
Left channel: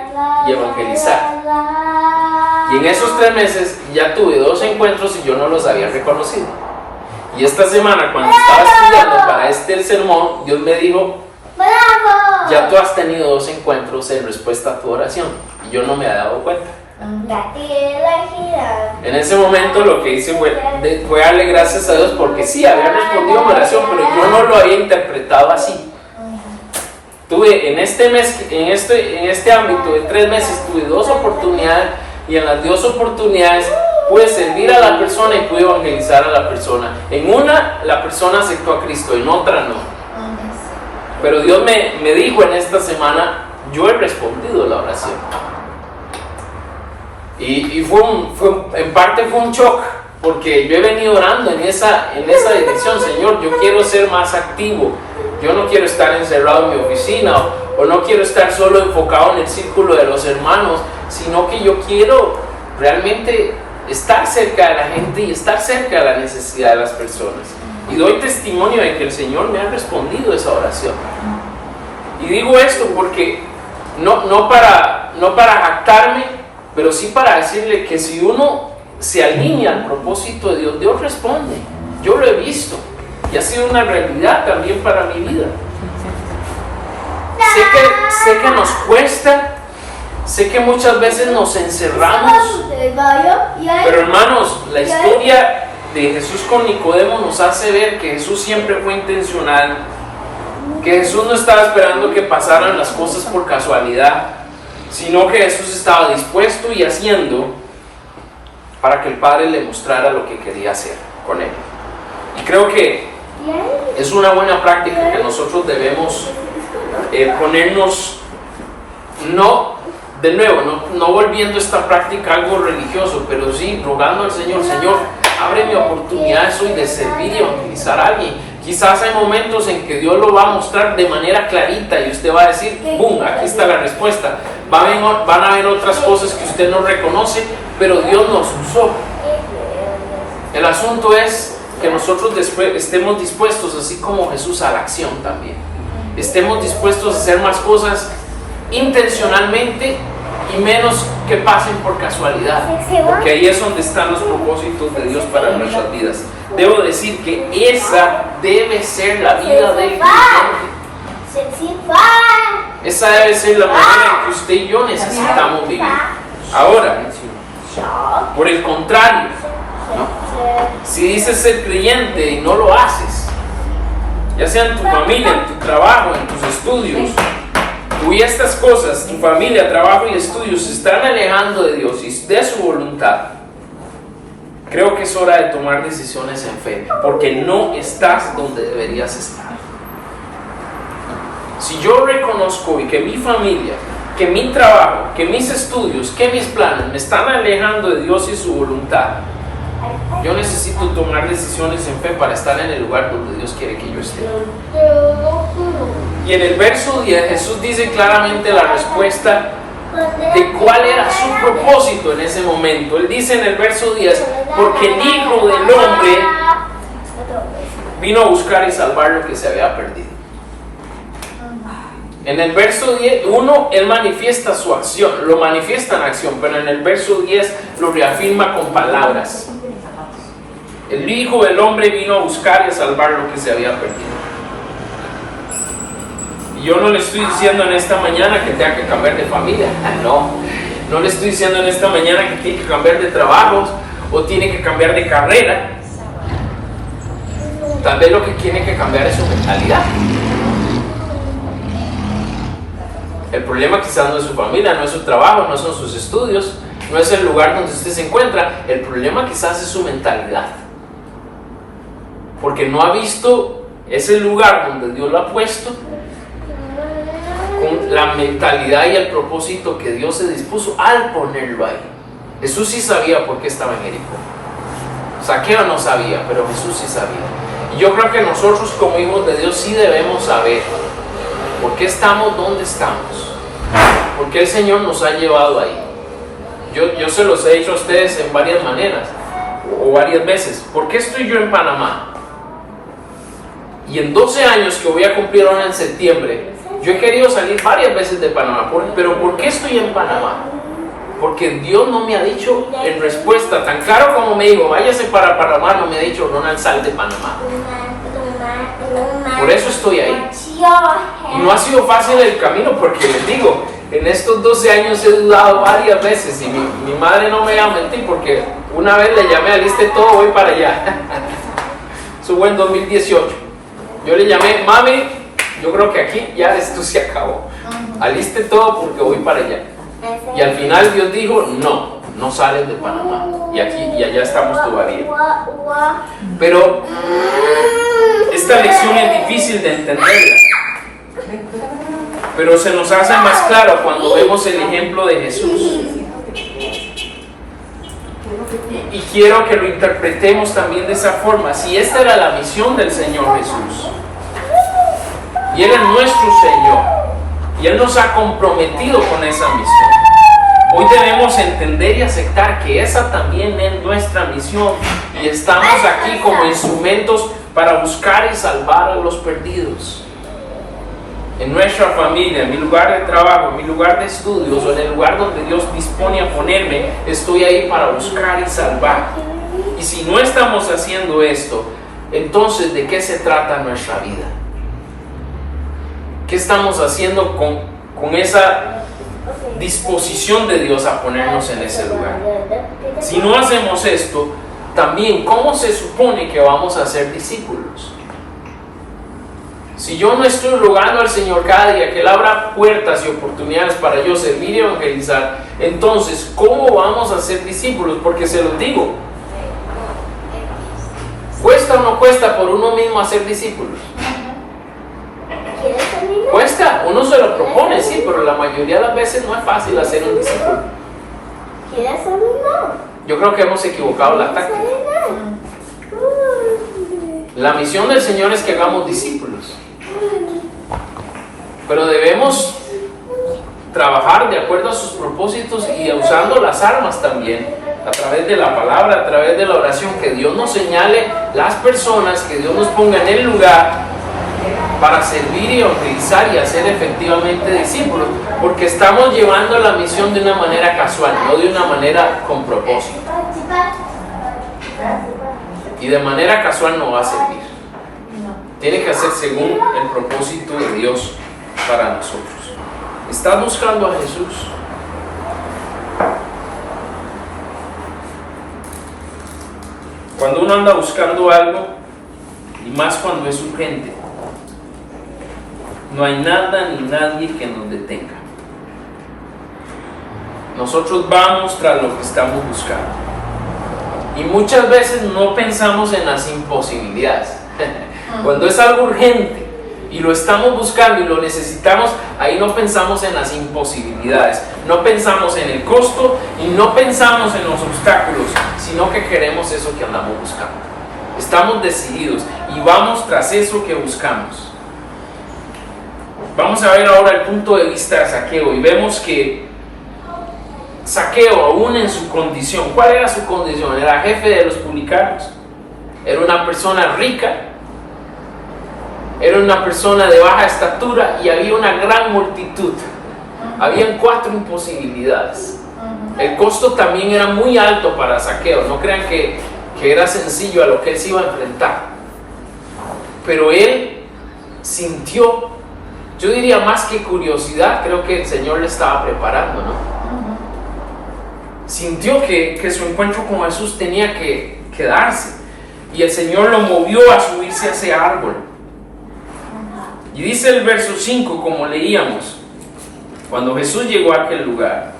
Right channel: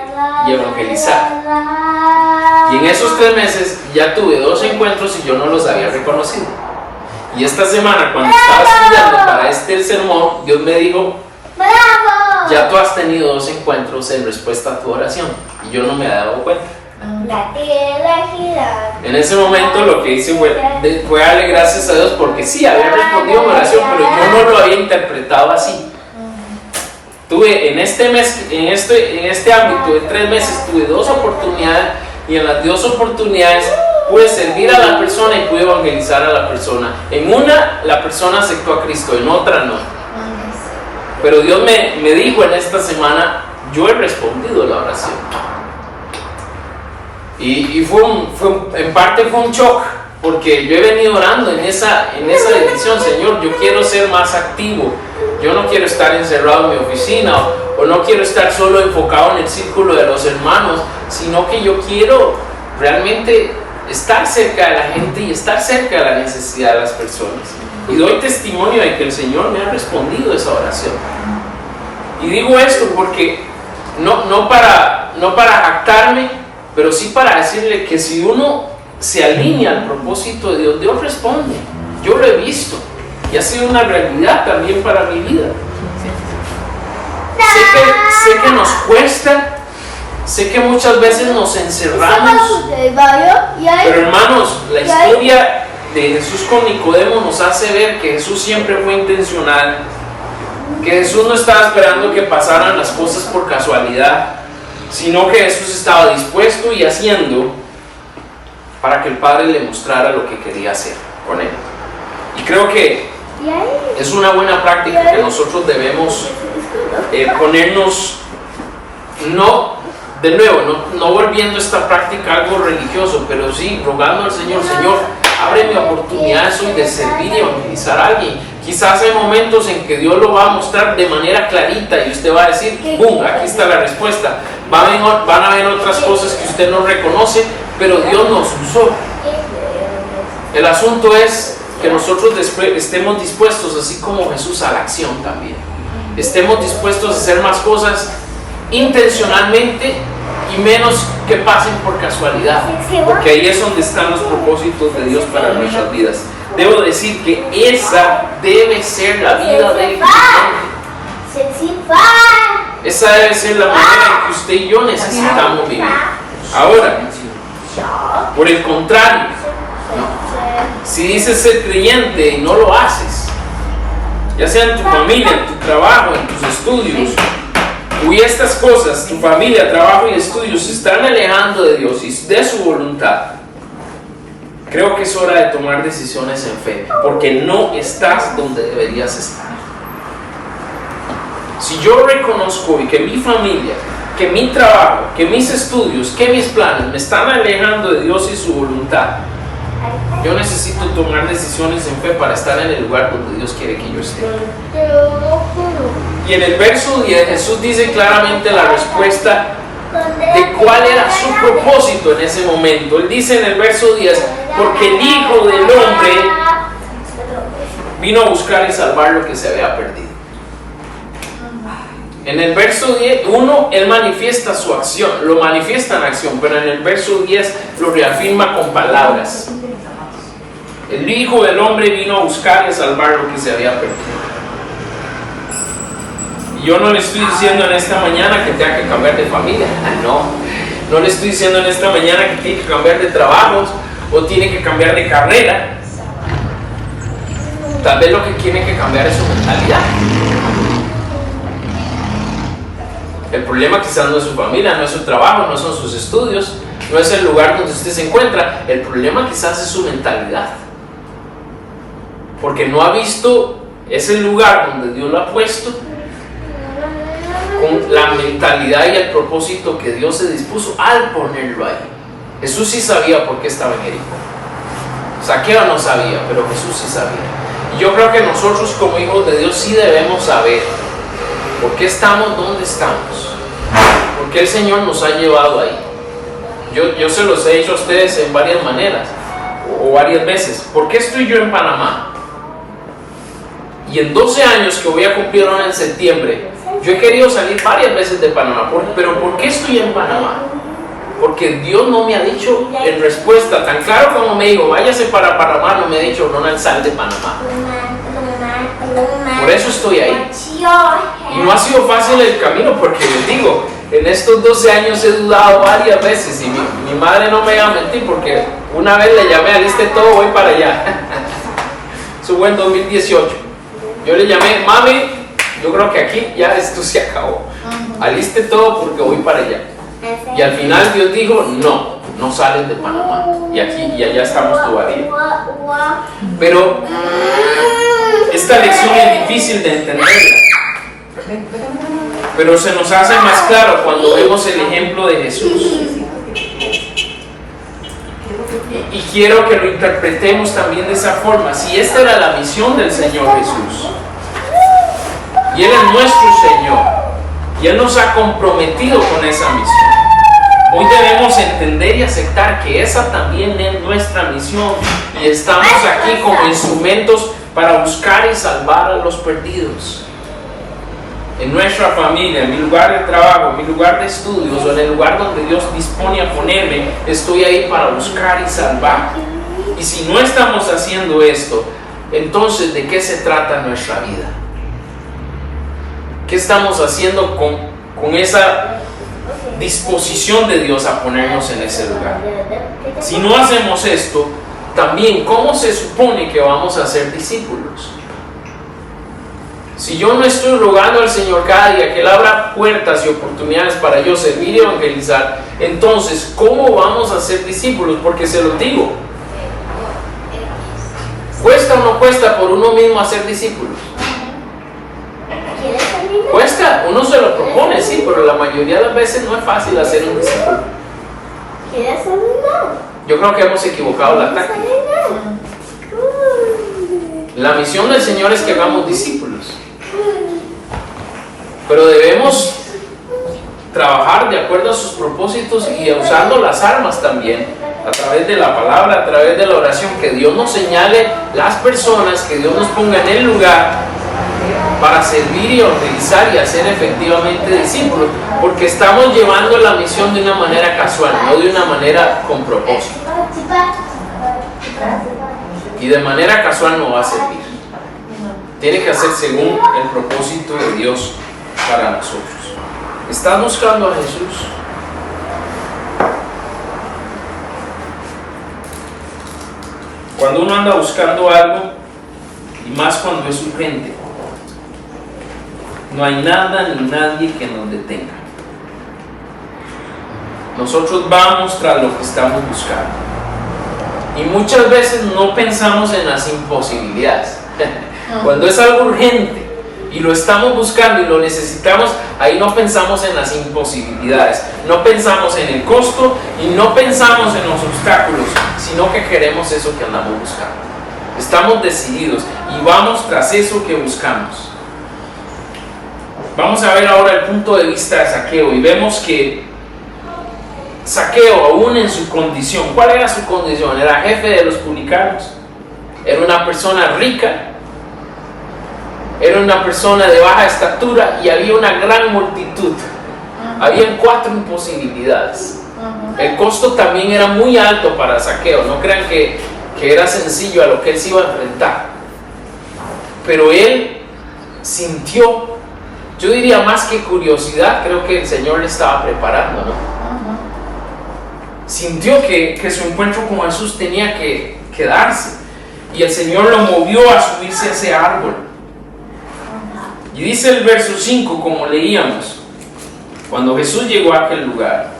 y evangelizar. Y en esos 3 meses ya tuve 2 encuentros y yo no los había reconocido. Y esta semana, cuando estaba estudiando para el sermón, Dios me dijo: ya tú has tenido 2 encuentros en respuesta a tu oración. Y yo no me había dado cuenta. En ese momento lo que hice fue darle gracias a Dios, porque sí, había respondido a mi oración, pero yo no lo había interpretado así. Tuve en este ámbito de 3 meses, tuve 2 oportunidades, y en las 2 oportunidades pude servir a la persona y pude evangelizar a la persona. En una, la persona aceptó a Cristo, en otra no. Pero Dios me dijo en esta semana: yo he respondido a la oración. Y en parte fue un shock, porque yo he venido orando en esa dirección. Señor, yo quiero ser más activo. Yo no quiero estar encerrado en mi oficina, o no quiero estar solo enfocado en el círculo de los hermanos, sino que yo quiero realmente estar cerca de la gente y estar cerca de la necesidad de las personas. Y doy testimonio de que el Señor me ha respondido esa oración. Y digo esto porque no para jactarme, pero sí para decirle que si uno se alinea al propósito de Dios, Dios responde. Yo lo he visto y ha sido una realidad también para mi vida. Sé que nos cuesta, sé que muchas veces nos encerramos, pero hermanos, la historia de Jesús con Nicodemo nos hace ver que Jesús siempre fue intencional, que Jesús no estaba esperando que pasaran las cosas por casualidad, sino que Jesús estaba dispuesto y haciendo para que el Padre le mostrara lo que quería hacer con él. Y creo que es una buena práctica que nosotros debemos ponernos, no volviendo esta práctica algo religioso, pero sí rogando al Señor: Señor, ábreme oportunidades hoy de servir y evangelizar a alguien. Quizás hay momentos en que Dios lo va a mostrar de manera clarita y usted va a decir: ¡bum! Aquí está la respuesta. Van a haber otras cosas que usted no reconoce, pero Dios nos usó. El asunto es que nosotros estemos dispuestos, así como Jesús, a la acción también. Estemos dispuestos a hacer más cosas intencionalmente y menos que pasen por casualidad, porque ahí es donde están los propósitos de Dios para nuestras vidas. Debo decir que esa debe ser la vida del creyente. Esa debe ser la manera en que usted y yo necesitamos vivir. Ahora, por el contrario, si dices ser creyente y no lo haces, ya sea en tu familia, en tu trabajo, en tus estudios, y estas cosas, tu familia, trabajo y estudios, se están alejando de Dios y de su voluntad, creo que es hora de tomar decisiones en fe, porque no estás donde deberías estar. Si yo reconozco y que mi familia, que mi trabajo, que mis estudios, que mis planes me están alejando de Dios y su voluntad, yo necesito tomar decisiones en fe para estar en el lugar donde Dios quiere que yo esté. Y en el verso 10 Jesús dice claramente la respuesta de cuál era su propósito en ese momento. Él dice en el verso 10: porque el Hijo del Hombre vino a buscar y salvar lo que se había perdido. En el verso 1, Él manifiesta su acción, lo manifiesta en acción, pero en el verso 10 lo reafirma con palabras. El Hijo del Hombre vino a buscar y a salvar lo que se había perdido. Y yo no le estoy diciendo en esta mañana que tenga que cambiar de familia, no le estoy diciendo en esta mañana que tiene que cambiar de trabajos o tiene que cambiar de carrera. Tal vez lo que tiene que cambiar es su mentalidad. El problema quizás no es su familia, no es su trabajo, no son sus estudios, no es el lugar donde usted se encuentra. El problema quizás es su mentalidad. Porque no ha visto ese lugar donde Dios lo ha puesto con la mentalidad y el propósito que Dios se dispuso al ponerlo ahí. Jesús sí sabía por qué estaba en Jericó. Zaqueo no sabía, pero Jesús sí sabía. Y yo creo que nosotros como hijos de Dios sí debemos saber por qué estamos donde estamos, por qué el Señor nos ha llevado ahí. Yo se los he dicho a ustedes en varias maneras o varias veces. ¿Por qué estoy yo en Panamá? Y en 12 años que voy a cumplir ahora en septiembre, yo he querido salir varias veces de Panamá. Pero ¿por qué estoy en Panamá? Porque Dios no me ha dicho en respuesta, tan claro como me dijo, váyase para Panamá, no me ha dicho, Ronald, sal de Panamá. Por eso estoy ahí. Y no ha sido fácil el camino, porque les digo, en estos 12 años he dudado varias veces y mi madre no me va a mentir, porque una vez le llamé, aliste todo, voy para allá. Eso fue en 2018. Yo le llamé, mami, yo creo que aquí ya esto se acabó. Aliste todo porque voy para allá. Y al final Dios dijo, no salen de Panamá. Y aquí y allá estamos todavía. Pero esta lección es difícil de entenderla. Pero se nos hace más claro cuando vemos el ejemplo de Jesús. Y quiero que lo interpretemos también de esa forma. Si esta era la misión del Señor Jesús, y Él es nuestro Señor, y Él nos ha comprometido con esa misión, hoy debemos entender y aceptar que esa también es nuestra misión, y estamos aquí como instrumentos para buscar y salvar a los perdidos. En nuestra familia, en mi lugar de trabajo, en mi lugar de estudios o en el lugar donde Dios dispone a ponerme, estoy ahí para buscar y salvar. Y si no estamos haciendo esto, entonces ¿de qué se trata nuestra vida? ¿Qué estamos haciendo con esa disposición de Dios a ponernos en ese lugar? Si no hacemos esto, también ¿cómo se supone que vamos a ser discípulos? Si yo no estoy rogando al Señor cada día que Él abra puertas y oportunidades para yo servir y evangelizar, entonces ¿cómo vamos a ser discípulos? Porque se los digo, ¿cuesta o no cuesta por uno mismo hacer discípulos? Cuesta, uno se lo propone, sí, pero la mayoría de las veces no es fácil hacer un discípulo. Yo creo que hemos equivocado la táctica. La misión del Señor es que hagamos discípulos, pero debemos trabajar de acuerdo a sus propósitos y usando las armas también, a través de la palabra, a través de la oración, que Dios nos señale las personas, que Dios nos ponga en el lugar para servir y evangelizar y hacer efectivamente discípulos, porque estamos llevando la misión de una manera casual, no de una manera con propósito. Y de manera casual no va a servir. Tiene que hacer según el propósito de Dios para nosotros. ¿Estás buscando a Jesús? Cuando uno anda buscando algo, y más cuando es urgente, no hay nada ni nadie que nos detenga. Nosotros vamos tras lo que estamos buscando. Y muchas veces no pensamos en las imposibilidades. Cuando es algo urgente y lo estamos buscando y lo necesitamos, ahí no pensamos en las imposibilidades, no pensamos en el costo y no pensamos en los obstáculos, sino que queremos eso que andamos buscando. Estamos decididos y vamos tras eso que buscamos. Vamos a ver ahora el punto de vista de Zaqueo y vemos que Zaqueo, aún en su condición, ¿cuál era su condición? Era jefe de los publicanos, era una persona rica, era una persona de baja estatura y había una gran multitud. Habían 4 imposibilidades. El costo también era muy alto para Zaqueo. No crean que era sencillo a lo que él se iba a enfrentar. Pero él sintió, yo diría más que curiosidad, creo que el Señor le estaba preparando, ¿no? Sintió que su encuentro con Jesús tenía que darse. Y el Señor lo movió a subirse a ese árbol. Y dice el verso 5, como leíamos, cuando Jesús llegó a aquel lugar,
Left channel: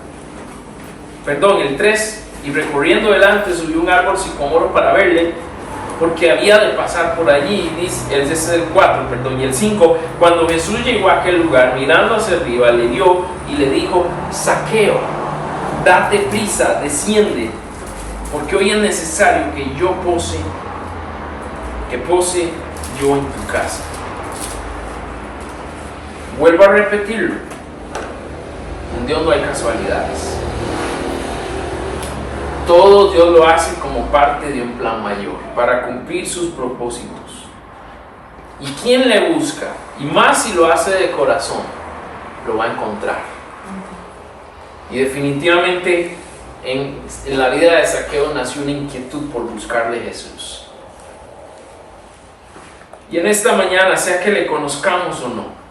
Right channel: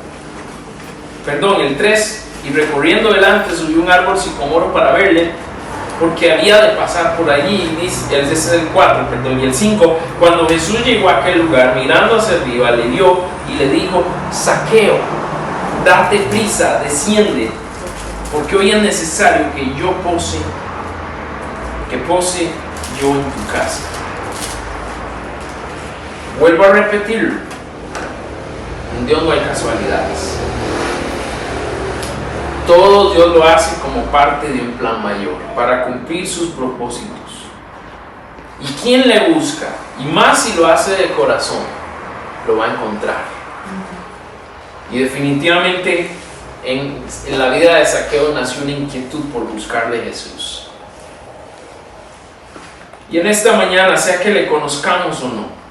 el 3, y recorriendo delante subió un árbol sicómoro para verle, porque había de pasar por allí. Y dice, ese es el 4, y el 5, cuando Jesús llegó a aquel lugar, mirando hacia arriba, le vio y le dijo: Zaqueo, date prisa, desciende, porque hoy es necesario que pose yo en tu casa. Vuelvo a repetirlo, en Dios no hay casualidades. Todo Dios lo hace como parte de un plan mayor, para cumplir sus propósitos. Y quien le busca, y más si lo hace de corazón, lo va a encontrar. Y definitivamente en la vida de Zaqueo nació una inquietud por buscarle a Jesús. Y en esta mañana, sea que le conozcamos o no,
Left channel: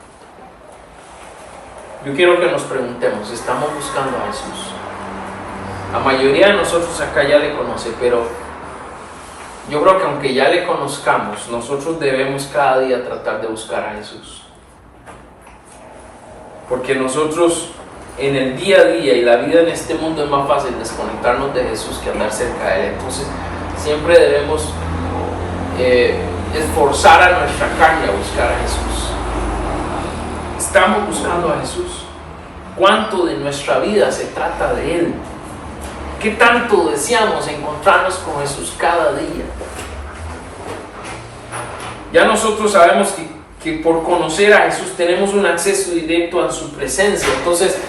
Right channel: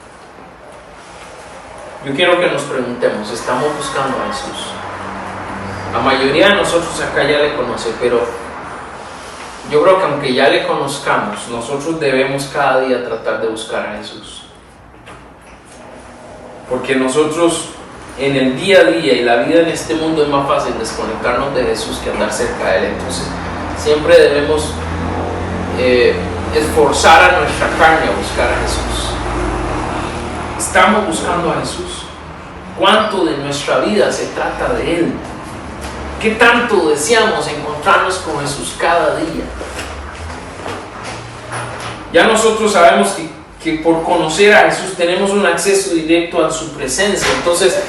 yo quiero que nos preguntemos: ¿estamos buscando a Jesús? La mayoría de nosotros acá ya le conoce, pero yo creo que aunque ya le conozcamos, nosotros debemos cada día tratar de buscar a Jesús. Porque nosotros en el día a día y la vida en este mundo es más fácil desconectarnos de Jesús que andar cerca de Él. Entonces siempre debemos esforzar a nuestra carne a buscar a Jesús. ¿Estamos buscando a Jesús? ¿Cuánto de nuestra vida se trata de Él? ¿Qué tanto deseamos encontrarnos con Jesús cada día? Ya nosotros sabemos que por conocer a Jesús tenemos un acceso directo a su presencia. Entonces,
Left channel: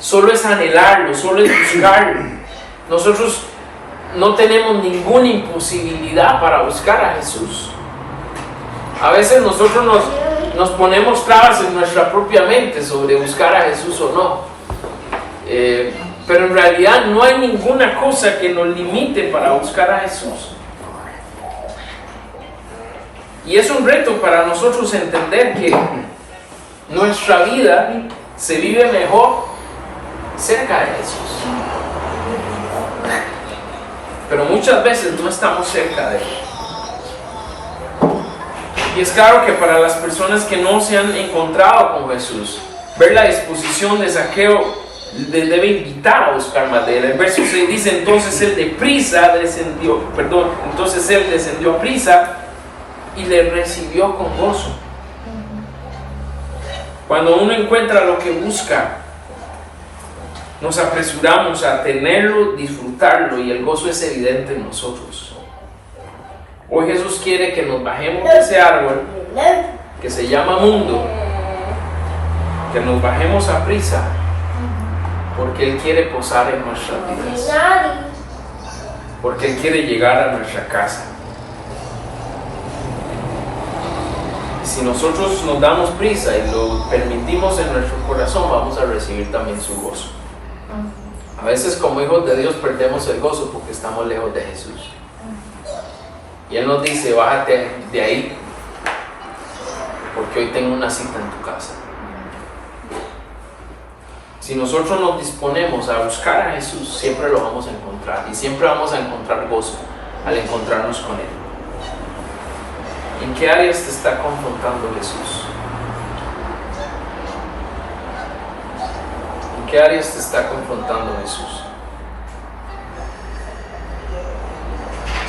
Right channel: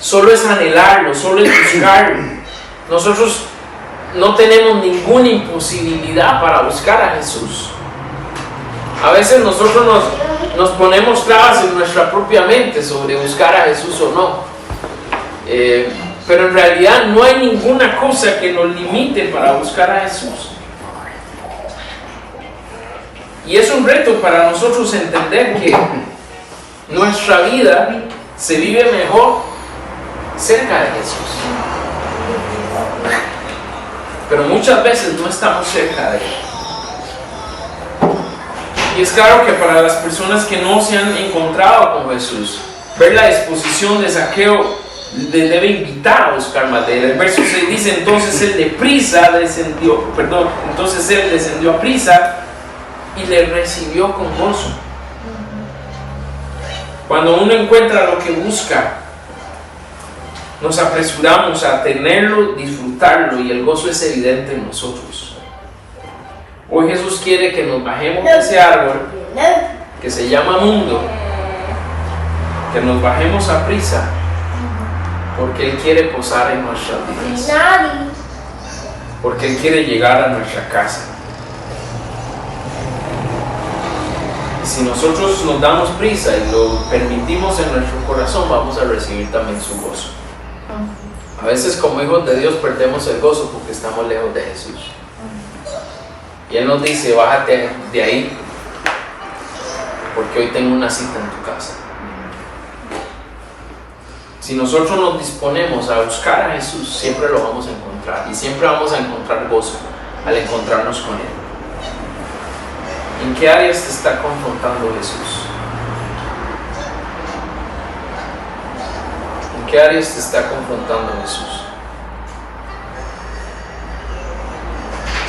solo es anhelarlo, solo es buscarlo. Nosotros no tenemos ninguna imposibilidad para buscar a Jesús. A veces nosotros nos ponemos trabas en nuestra propia mente sobre buscar a Jesús o no. Pero en realidad no hay ninguna cosa que nos limite para buscar a Jesús. Y es un reto para nosotros entender que nuestra vida se vive mejor cerca de Jesús. Pero muchas veces no estamos cerca de Él. Y es claro que para las personas que no se han encontrado con Jesús, ver la disposición de Zaqueo le debe invitar a buscar más de Él. El verso 6 dice: entonces él descendió a prisa y le recibió con gozo. Cuando uno encuentra lo que busca, nos apresuramos a tenerlo, disfrutarlo, y el gozo es evidente en nosotros. Hoy Jesús quiere que nos bajemos de ese árbol que se llama mundo, que nos bajemos a prisa, porque Él quiere posar en nuestras vidas, porque Él quiere llegar a nuestra casa. Y si nosotros nos damos prisa y lo permitimos en nuestro corazón, vamos a recibir también su gozo. A veces como hijos de Dios perdemos el gozo porque estamos lejos de Jesús. Y Él nos dice: bájate de ahí, porque hoy tengo una cita en tu casa. Si nosotros nos disponemos a buscar a Jesús, siempre lo vamos a encontrar, y siempre vamos a encontrar gozo al encontrarnos con Él. ¿En qué áreas te está confrontando Jesús? ¿En qué áreas te está confrontando Jesús?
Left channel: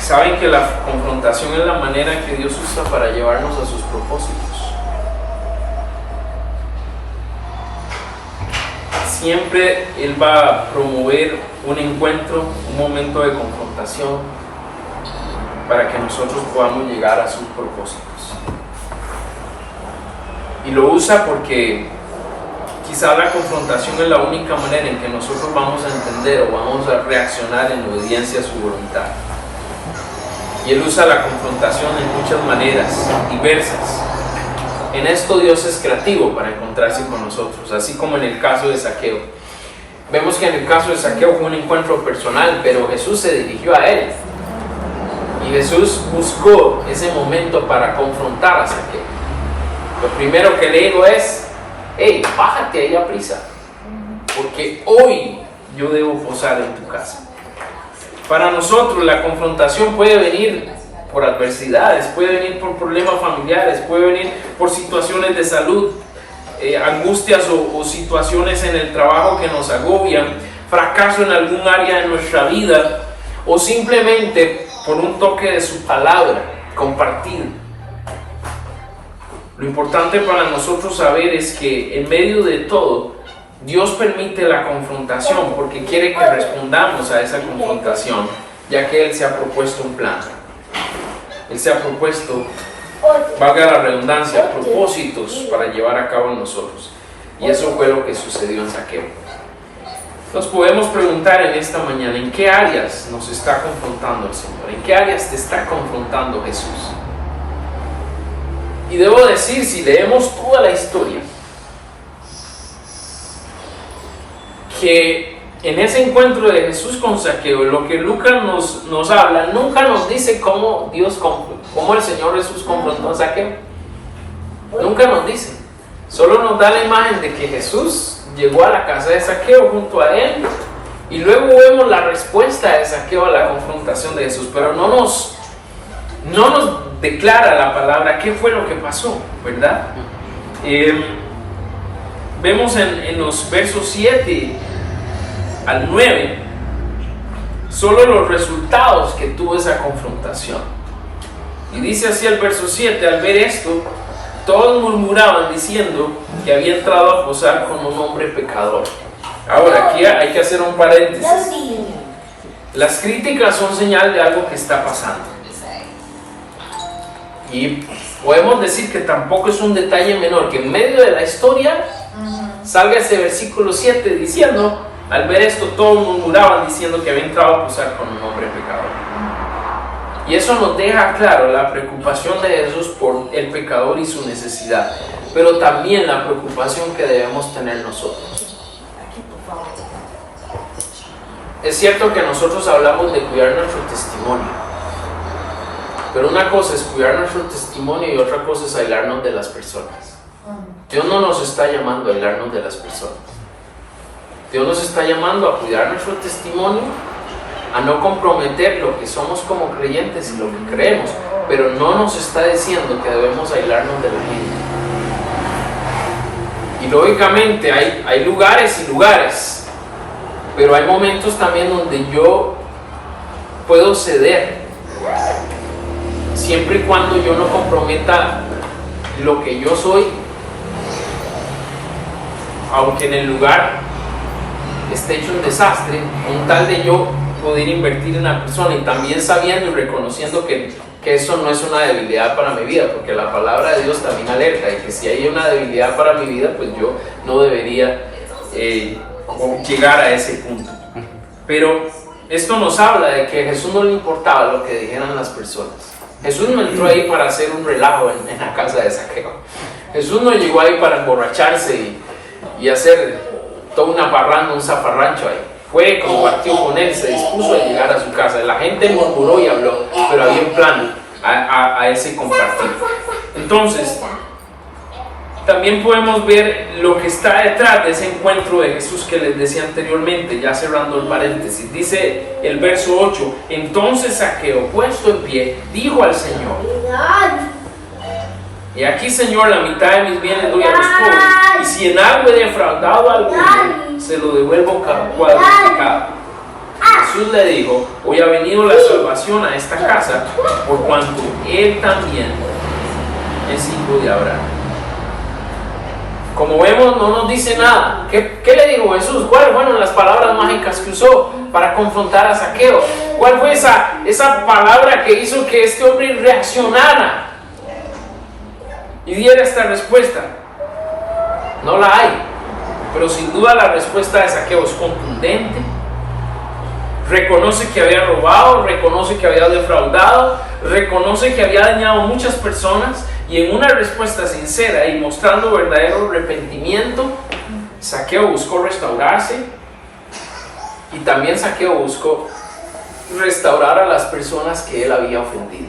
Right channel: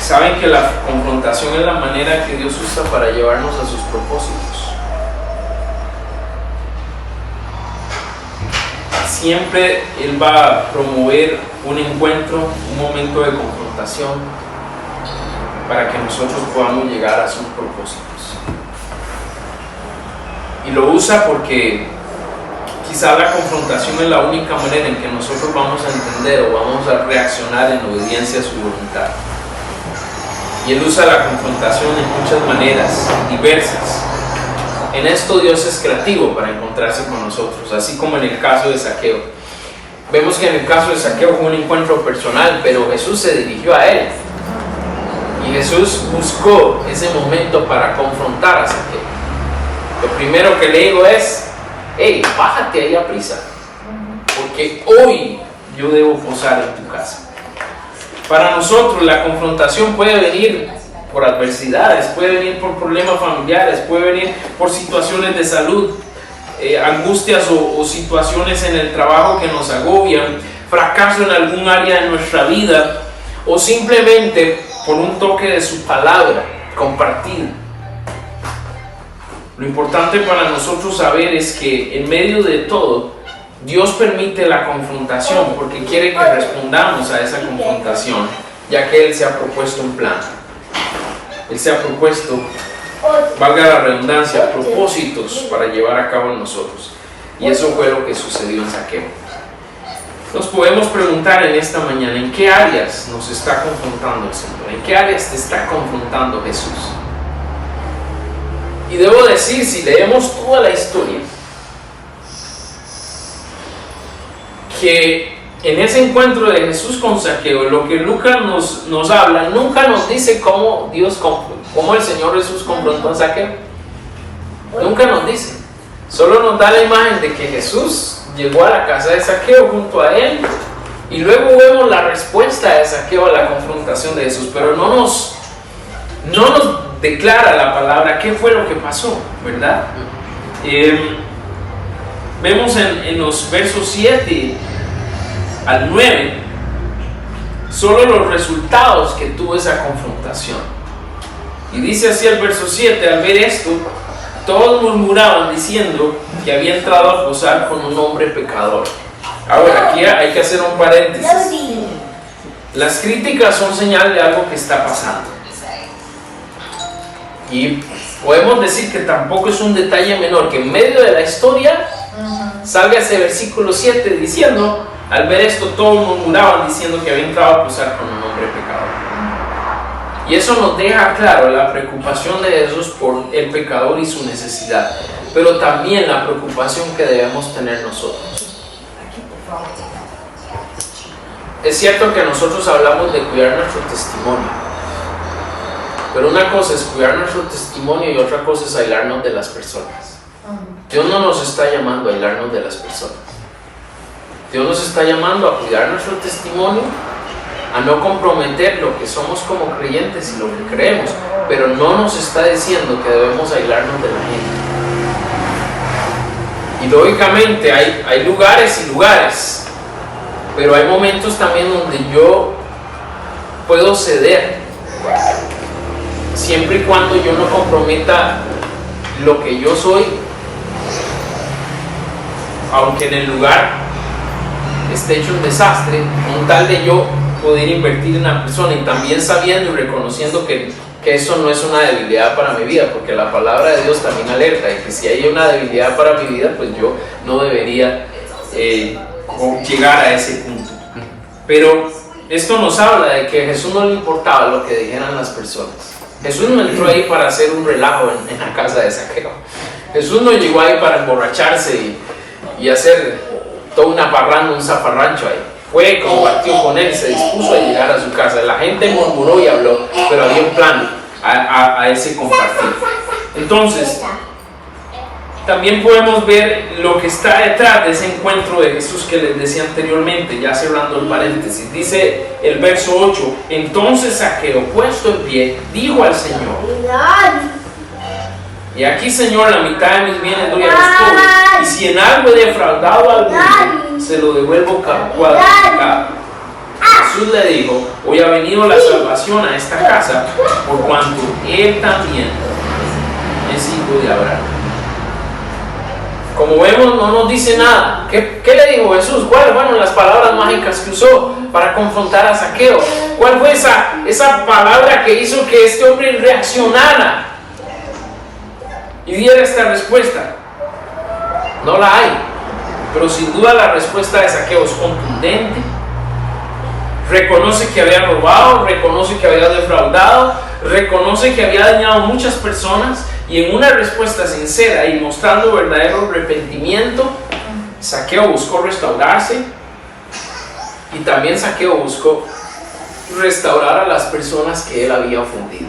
Saben que la confrontación es la manera que Dios usa para llevarnos a sus propósitos. Siempre Él va a promover un encuentro, un momento de confrontación, para que nosotros podamos llegar a sus propósitos. Y lo usa porque quizá la confrontación es la única manera en que nosotros vamos a entender o vamos a reaccionar en obediencia a su voluntad. Y Él usa la confrontación en muchas maneras diversas. En esto Dios es creativo para encontrarse con nosotros, así como en el caso de Zaqueo. Vemos que en el caso de Zaqueo fue un encuentro personal, pero Jesús se dirigió a él. Y Jesús buscó ese momento para confrontar a Zaqueo. Lo primero que le digo es, hey, bájate ahí a prisa, porque hoy yo debo posar en tu casa. Para nosotros la confrontación puede venir por adversidades, puede venir por problemas familiares, puede venir por situaciones de salud, angustias o situaciones en el trabajo que nos agobian, fracaso en algún área de nuestra vida, o simplemente por un toque de su palabra compartida. Lo importante para nosotros saber es que en medio de todo, Dios permite la confrontación porque quiere que respondamos a esa confrontación, ya que Él se ha propuesto un plan. Él se ha propuesto, valga la redundancia, propósitos para llevar a cabo en nosotros. Y eso fue lo que sucedió en Zaqueo. Nos podemos preguntar en esta mañana, ¿en qué áreas nos está confrontando el Señor? ¿En qué áreas te está confrontando Jesús? Y debo decir, si leemos toda la historia, que en ese encuentro de Jesús con Zaqueo, lo que Lucas nos habla, nunca nos dice cómo el Señor Jesús confrontó a Zaqueo. Nunca nos dice. Solo nos da la imagen de que Jesús llegó a la casa de Zaqueo junto a él, y luego vemos la respuesta de Zaqueo a la confrontación de Jesús, pero no nos declara la palabra qué fue lo que pasó, ¿verdad? Vemos en los versos 7 al 9 solo los resultados que tuvo esa confrontación. Y dice así el verso 7: al ver esto, todos murmuraban diciendo que había entrado a posar con un hombre pecador. Ahora, aquí hay que hacer un paréntesis. Las críticas son señal de algo que está pasando. Y podemos decir que tampoco es un detalle menor que en medio de la historia salga ese versículo 7 diciendo, al ver esto todos murmuraban diciendo que había entrado a posar con un hombre pecador. Y eso nos deja claro la preocupación de Jesús por el pecador y su necesidad, pero también la preocupación que debemos tener nosotros. Es cierto que nosotros hablamos de cuidar nuestro testimonio, pero una cosa es cuidar nuestro testimonio y otra cosa es aislarnos de las personas. Dios no nos está llamando a aislarnos de las personas. Dios nos está llamando a cuidar nuestro testimonio, a no comprometer lo que somos como creyentes y lo que creemos, pero no nos está diciendo que debemos aislarnos de la gente. Y lógicamente hay lugares y lugares, pero hay momentos también donde yo puedo ceder, siempre y cuando yo no comprometa lo que yo soy, aunque en el lugar esté hecho un desastre, con tal de yo poder invertir en la persona, y también sabiendo y reconociendo que eso no es una debilidad para mi vida, porque la palabra de Dios también alerta, y que si hay una debilidad para mi vida, pues yo no debería llegar a ese punto. Pero esto nos habla de que a Jesús no le importaba lo que dijeran las personas. Jesús no entró ahí para hacer un relajo en la casa de Zaqueo. Jesús no llegó ahí para emborracharse y hacer toda una parranda, un zafarrancho ahí. Fue, compartió con él, se dispuso a llegar a su casa. La gente murmuró y habló, pero había un plan a ese compartir. Entonces, también podemos ver lo que está detrás de ese encuentro de Jesús que les decía anteriormente, ya cerrando el paréntesis. Dice el verso 8: entonces Zaqueo, puesto en pie, dijo al Señor: y aquí, Señor, la mitad de mis bienes doy a los pobres, y si en algo he defraudado a alguno, se lo devuelvo cuadruplicado. Jesús le dijo: hoy ha venido la salvación a esta casa, por cuanto él también es hijo de Abraham. Como vemos, no nos dice nada. ¿Qué le dijo Jesús? ¿Cuáles fueron las palabras mágicas que usó para confrontar a Zaqueo? ¿Cuál fue esa palabra que hizo que este hombre reaccionara y diera esta respuesta? No la hay, pero sin duda la respuesta de Zaqueo es contundente. Reconoce que había robado, reconoce que había defraudado, reconoce que había dañado a muchas personas, Y en una respuesta sincera y mostrando verdadero arrepentimiento, Zaqueo buscó restaurarse, y también Zaqueo buscó restaurar a las personas que él había ofendido.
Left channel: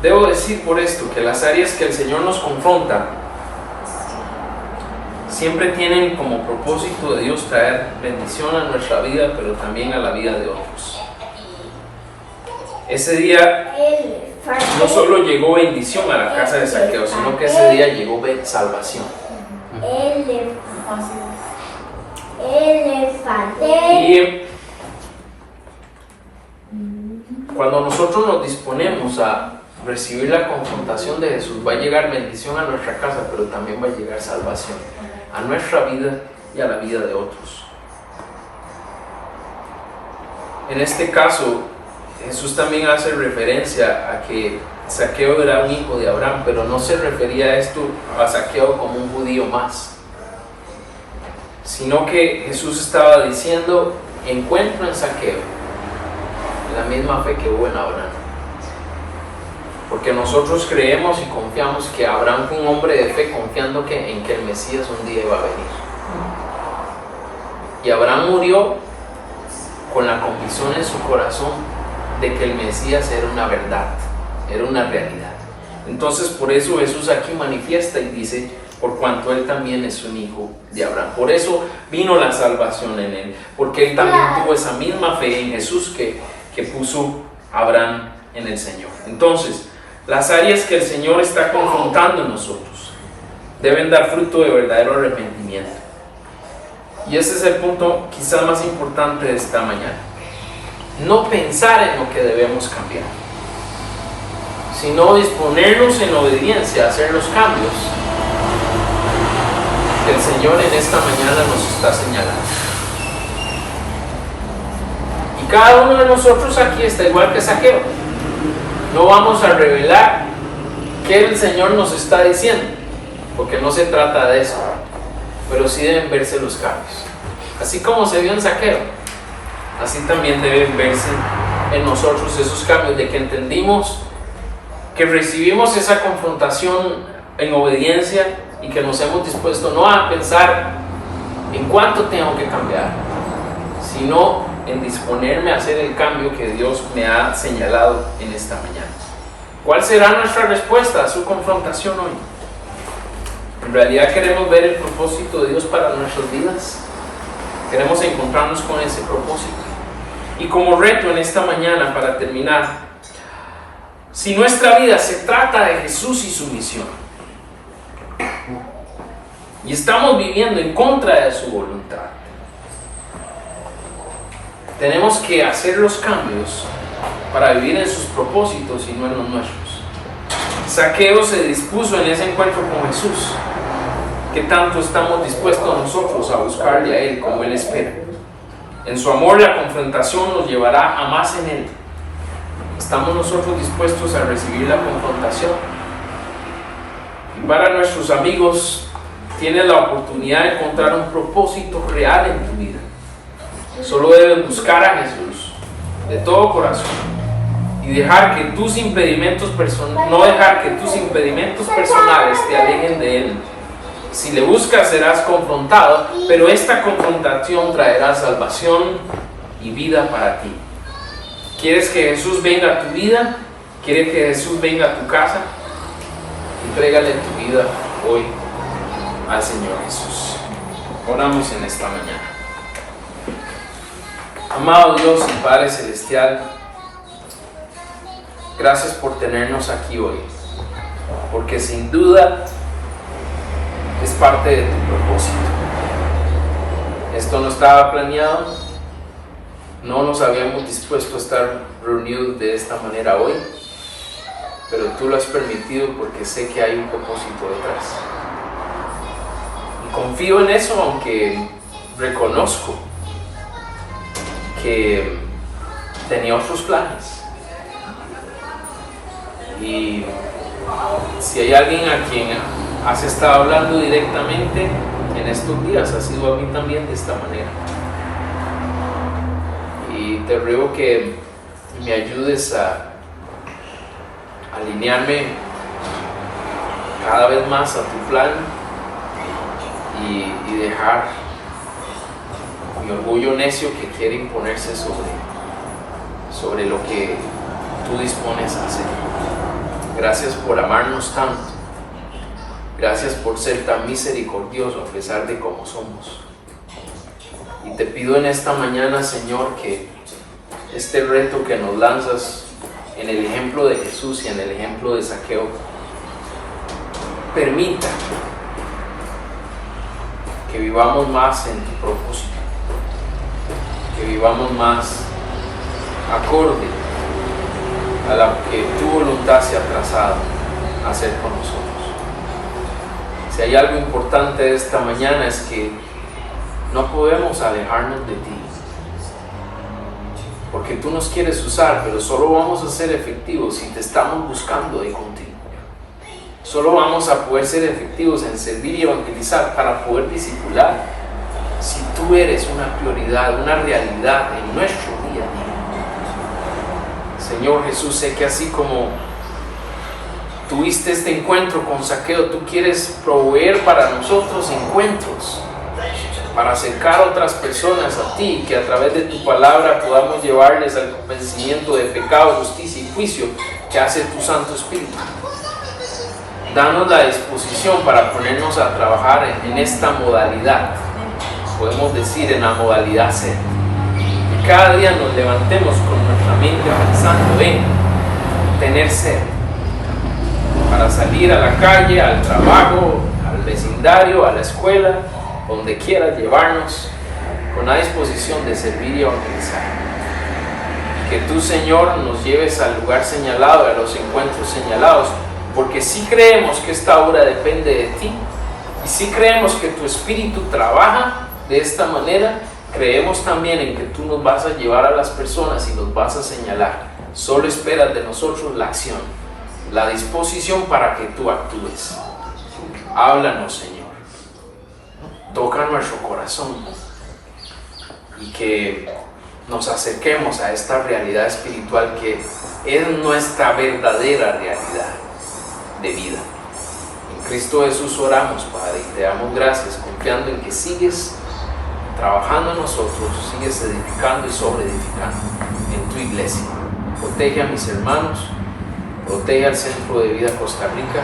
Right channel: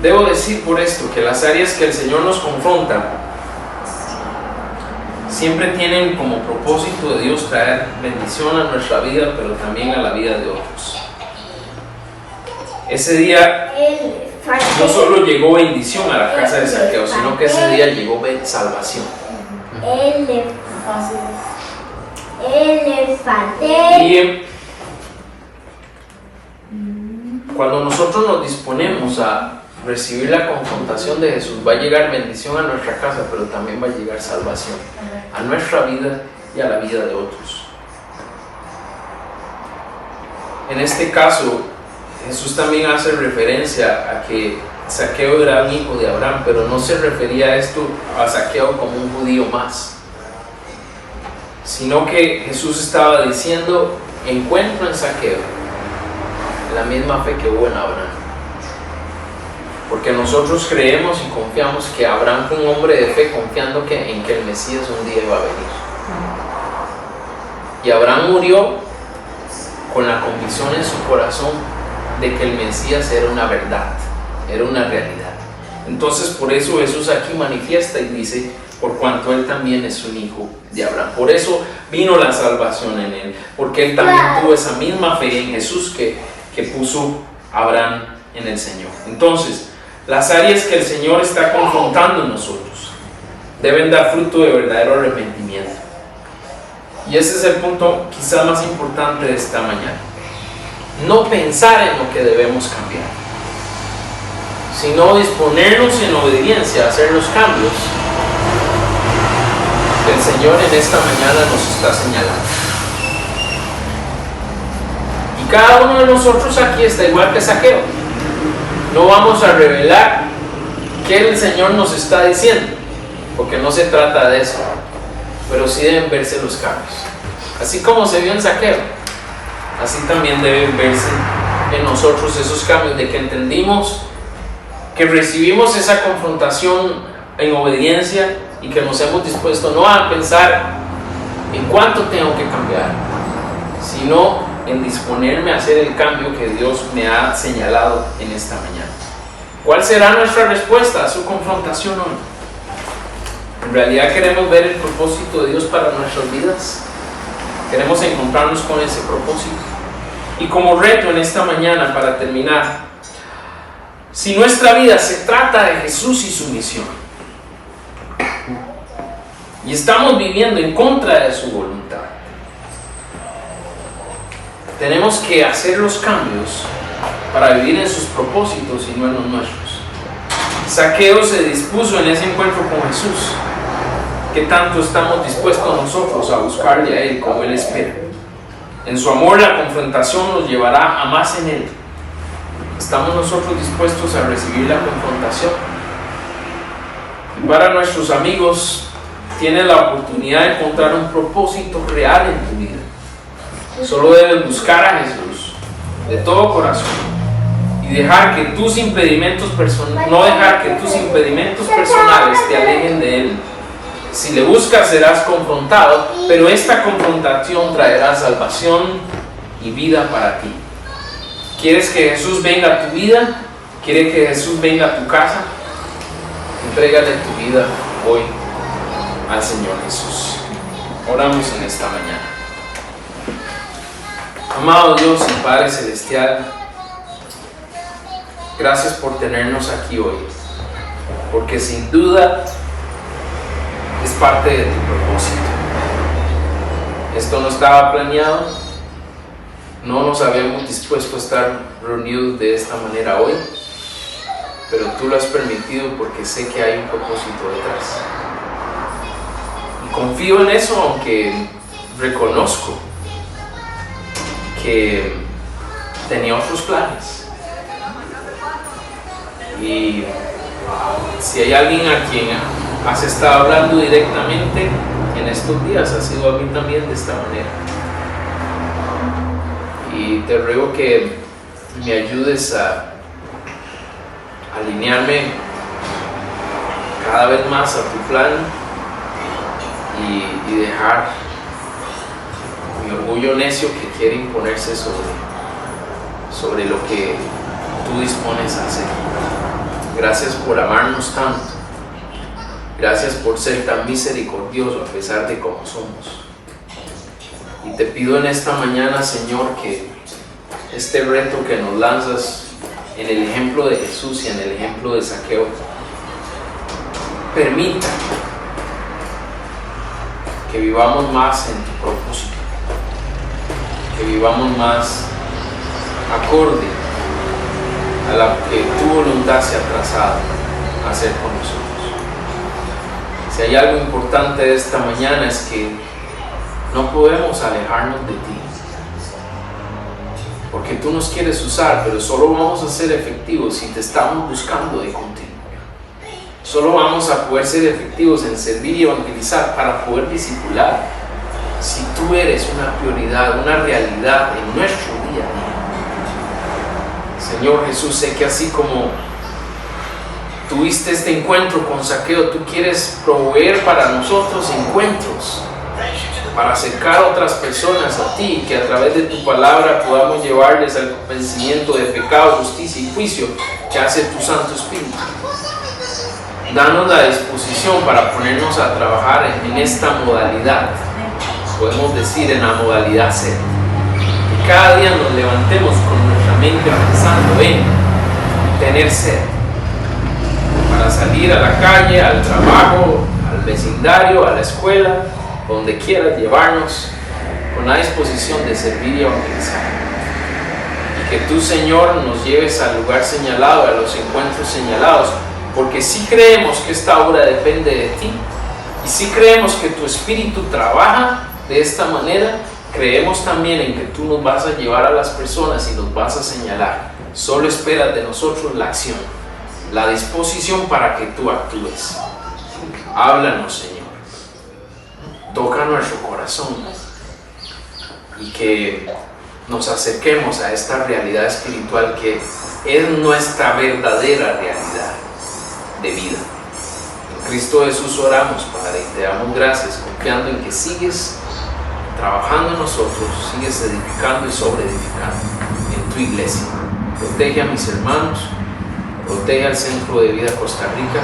Debo decir por esto que las áreas que el Señor nos confronta siempre tienen como propósito de Dios traer bendición a nuestra vida, pero también a la vida de otros. Ese día no solo llegó bendición a la casa de Zaqueo, sino que ese día llegó salvación. Y cuando nosotros nos disponemos a recibir la confrontación de Jesús, va a llegar bendición a nuestra casa, pero también va a llegar salvación a nuestra vida y a la vida de otros. En este caso, Jesús también hace referencia a que Zaqueo era un hijo de Abraham, pero no se refería a esto a Zaqueo como un judío más, sino que Jesús estaba diciendo: encuentro en Zaqueo la misma fe que hubo en Abraham. Porque nosotros creemos y confiamos que Abraham fue un hombre de fe, confiando en que el Mesías un día iba a venir. Y Abraham murió con la convicción en su corazón de que el Mesías era una verdad, era una realidad. Entonces por eso Jesús aquí manifiesta y dice: por cuanto él también es un hijo de Abraham. Por eso vino la salvación en él, porque él también tuvo esa misma fe en Jesús que puso Abraham en el Señor. Entonces, las áreas que el Señor está confrontando en nosotros deben dar fruto de verdadero arrepentimiento. Y ese es el punto quizás más importante de esta mañana. No pensar en lo que debemos cambiar, sino disponernos en obediencia a hacer los cambios que el Señor en esta mañana nos está señalando. Y cada uno de nosotros aquí está igual que Zaqueo. No vamos a revelar qué el Señor nos está diciendo, porque no se trata de eso, pero sí deben verse los cambios. Así como se vio en Zaqueo, así también deben verse en nosotros esos cambios, de que entendimos que recibimos esa confrontación en obediencia y que nos hemos dispuesto no a pensar en cuánto tengo que cambiar, sino en disponerme a hacer el cambio que Dios me ha señalado en esta mañana. ¿Cuál será nuestra respuesta a su confrontación hoy? ¿En realidad queremos ver el propósito de Dios para nuestras vidas? ¿Queremos encontrarnos con ese propósito? Y como reto en esta mañana, para terminar, si nuestra vida se trata de Jesús y su misión, y estamos viviendo en contra de su voluntad, tenemos que hacer los cambios para vivir en sus propósitos y no en los nuestros. Zaqueo se dispuso en ese encuentro con Jesús. ¿Qué tanto estamos dispuestos nosotros a buscarle a Él como Él espera? En su amor la confrontación nos llevará a más en Él. ¿Estamos nosotros dispuestos a recibir la confrontación? Y para nuestros amigos, tienes la oportunidad de encontrar un propósito real en tu vida. Solo debes buscar a Jesús de todo corazón y dejar que tus impedimentos no dejar que tus impedimentos personales te alejen de Él. Si le buscas serás confrontado, pero esta confrontación traerá salvación y vida para ti. ¿Quieres que Jesús venga a tu vida? ¿Quieres que Jesús venga a tu casa? Entrégale tu vida hoy al Señor Jesús. Oramos en esta mañana. Amado Dios y Padre Celestial, gracias por tenernos aquí hoy, porque sin duda es parte de tu propósito. Esto no estaba planeado, no nos habíamos dispuesto a estar reunidos de esta manera hoy, pero tú lo has permitido porque sé que hay un propósito detrás. Y confío en eso, aunque reconozco que tenía otros planes. Y si hay alguien a quien has estado hablando directamente en estos días, ha sido a mí también de esta manera. Y te ruego que me ayudes a alinearme cada vez más a tu plan y dejar mi orgullo necio que quiere imponerse sobre lo que tú dispones a hacer. Gracias por amarnos tanto. Gracias por ser tan misericordioso a pesar de cómo somos. Y te pido en esta mañana, Señor, que este reto que nos lanzas en el ejemplo de Jesús y en el ejemplo de Zaqueo permita que vivamos más en tu propósito, que vivamos más acorde a la que tu voluntad se ha trazado a hacer con nosotros. Si hay algo importante de esta mañana es que no podemos alejarnos de ti, porque tú nos quieres usar, pero solo vamos a ser efectivos si te estamos buscando de contigo. Solo vamos a poder ser efectivos en servir y evangelizar para poder discipular si tú eres una prioridad, una realidad en nuestro día a día. Señor Jesús, sé que así como tuviste este encuentro con Zaqueo, tú quieres proveer para nosotros encuentros para acercar a otras personas a ti, que a través de tu palabra podamos llevarles al convencimiento de pecado, justicia y juicio que hace tu Santo Espíritu. Danos la disposición para ponernos a trabajar en esta modalidad, podemos decir en la modalidad sed. Que cada día nos levantemos con nuestra mente pensando en tener sed, para salir a la calle, al trabajo, al vecindario, a la escuela, donde quiera llevarnos, con la disposición de servir y evangelizar. Y que tú, Señor, nos lleves al lugar señalado, a los encuentros señalados, porque sí creemos que esta obra depende de ti, y sí creemos que tu Espíritu trabaja de esta manera. Creemos también en que tú nos vas a llevar a las personas y nos vas a señalar. Solo esperas de nosotros la acción, la disposición para que tú actúes. Háblanos, Señor. Toca nuestro corazón y que nos acerquemos a esta realidad espiritual que es nuestra verdadera realidad de vida. En Cristo Jesús oramos, Padre, y te damos gracias, confiando en que sigues trabajando en nosotros, sigues edificando y sobreedificando en tu iglesia. Protege a mis hermanos, protege al Centro de Vida Costa Rica,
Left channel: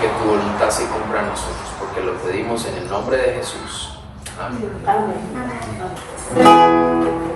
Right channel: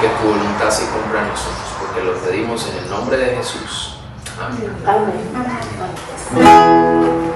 que tu voluntad se cumpla a nosotros, porque lo pedimos en el nombre de Jesús. Amén. Amén.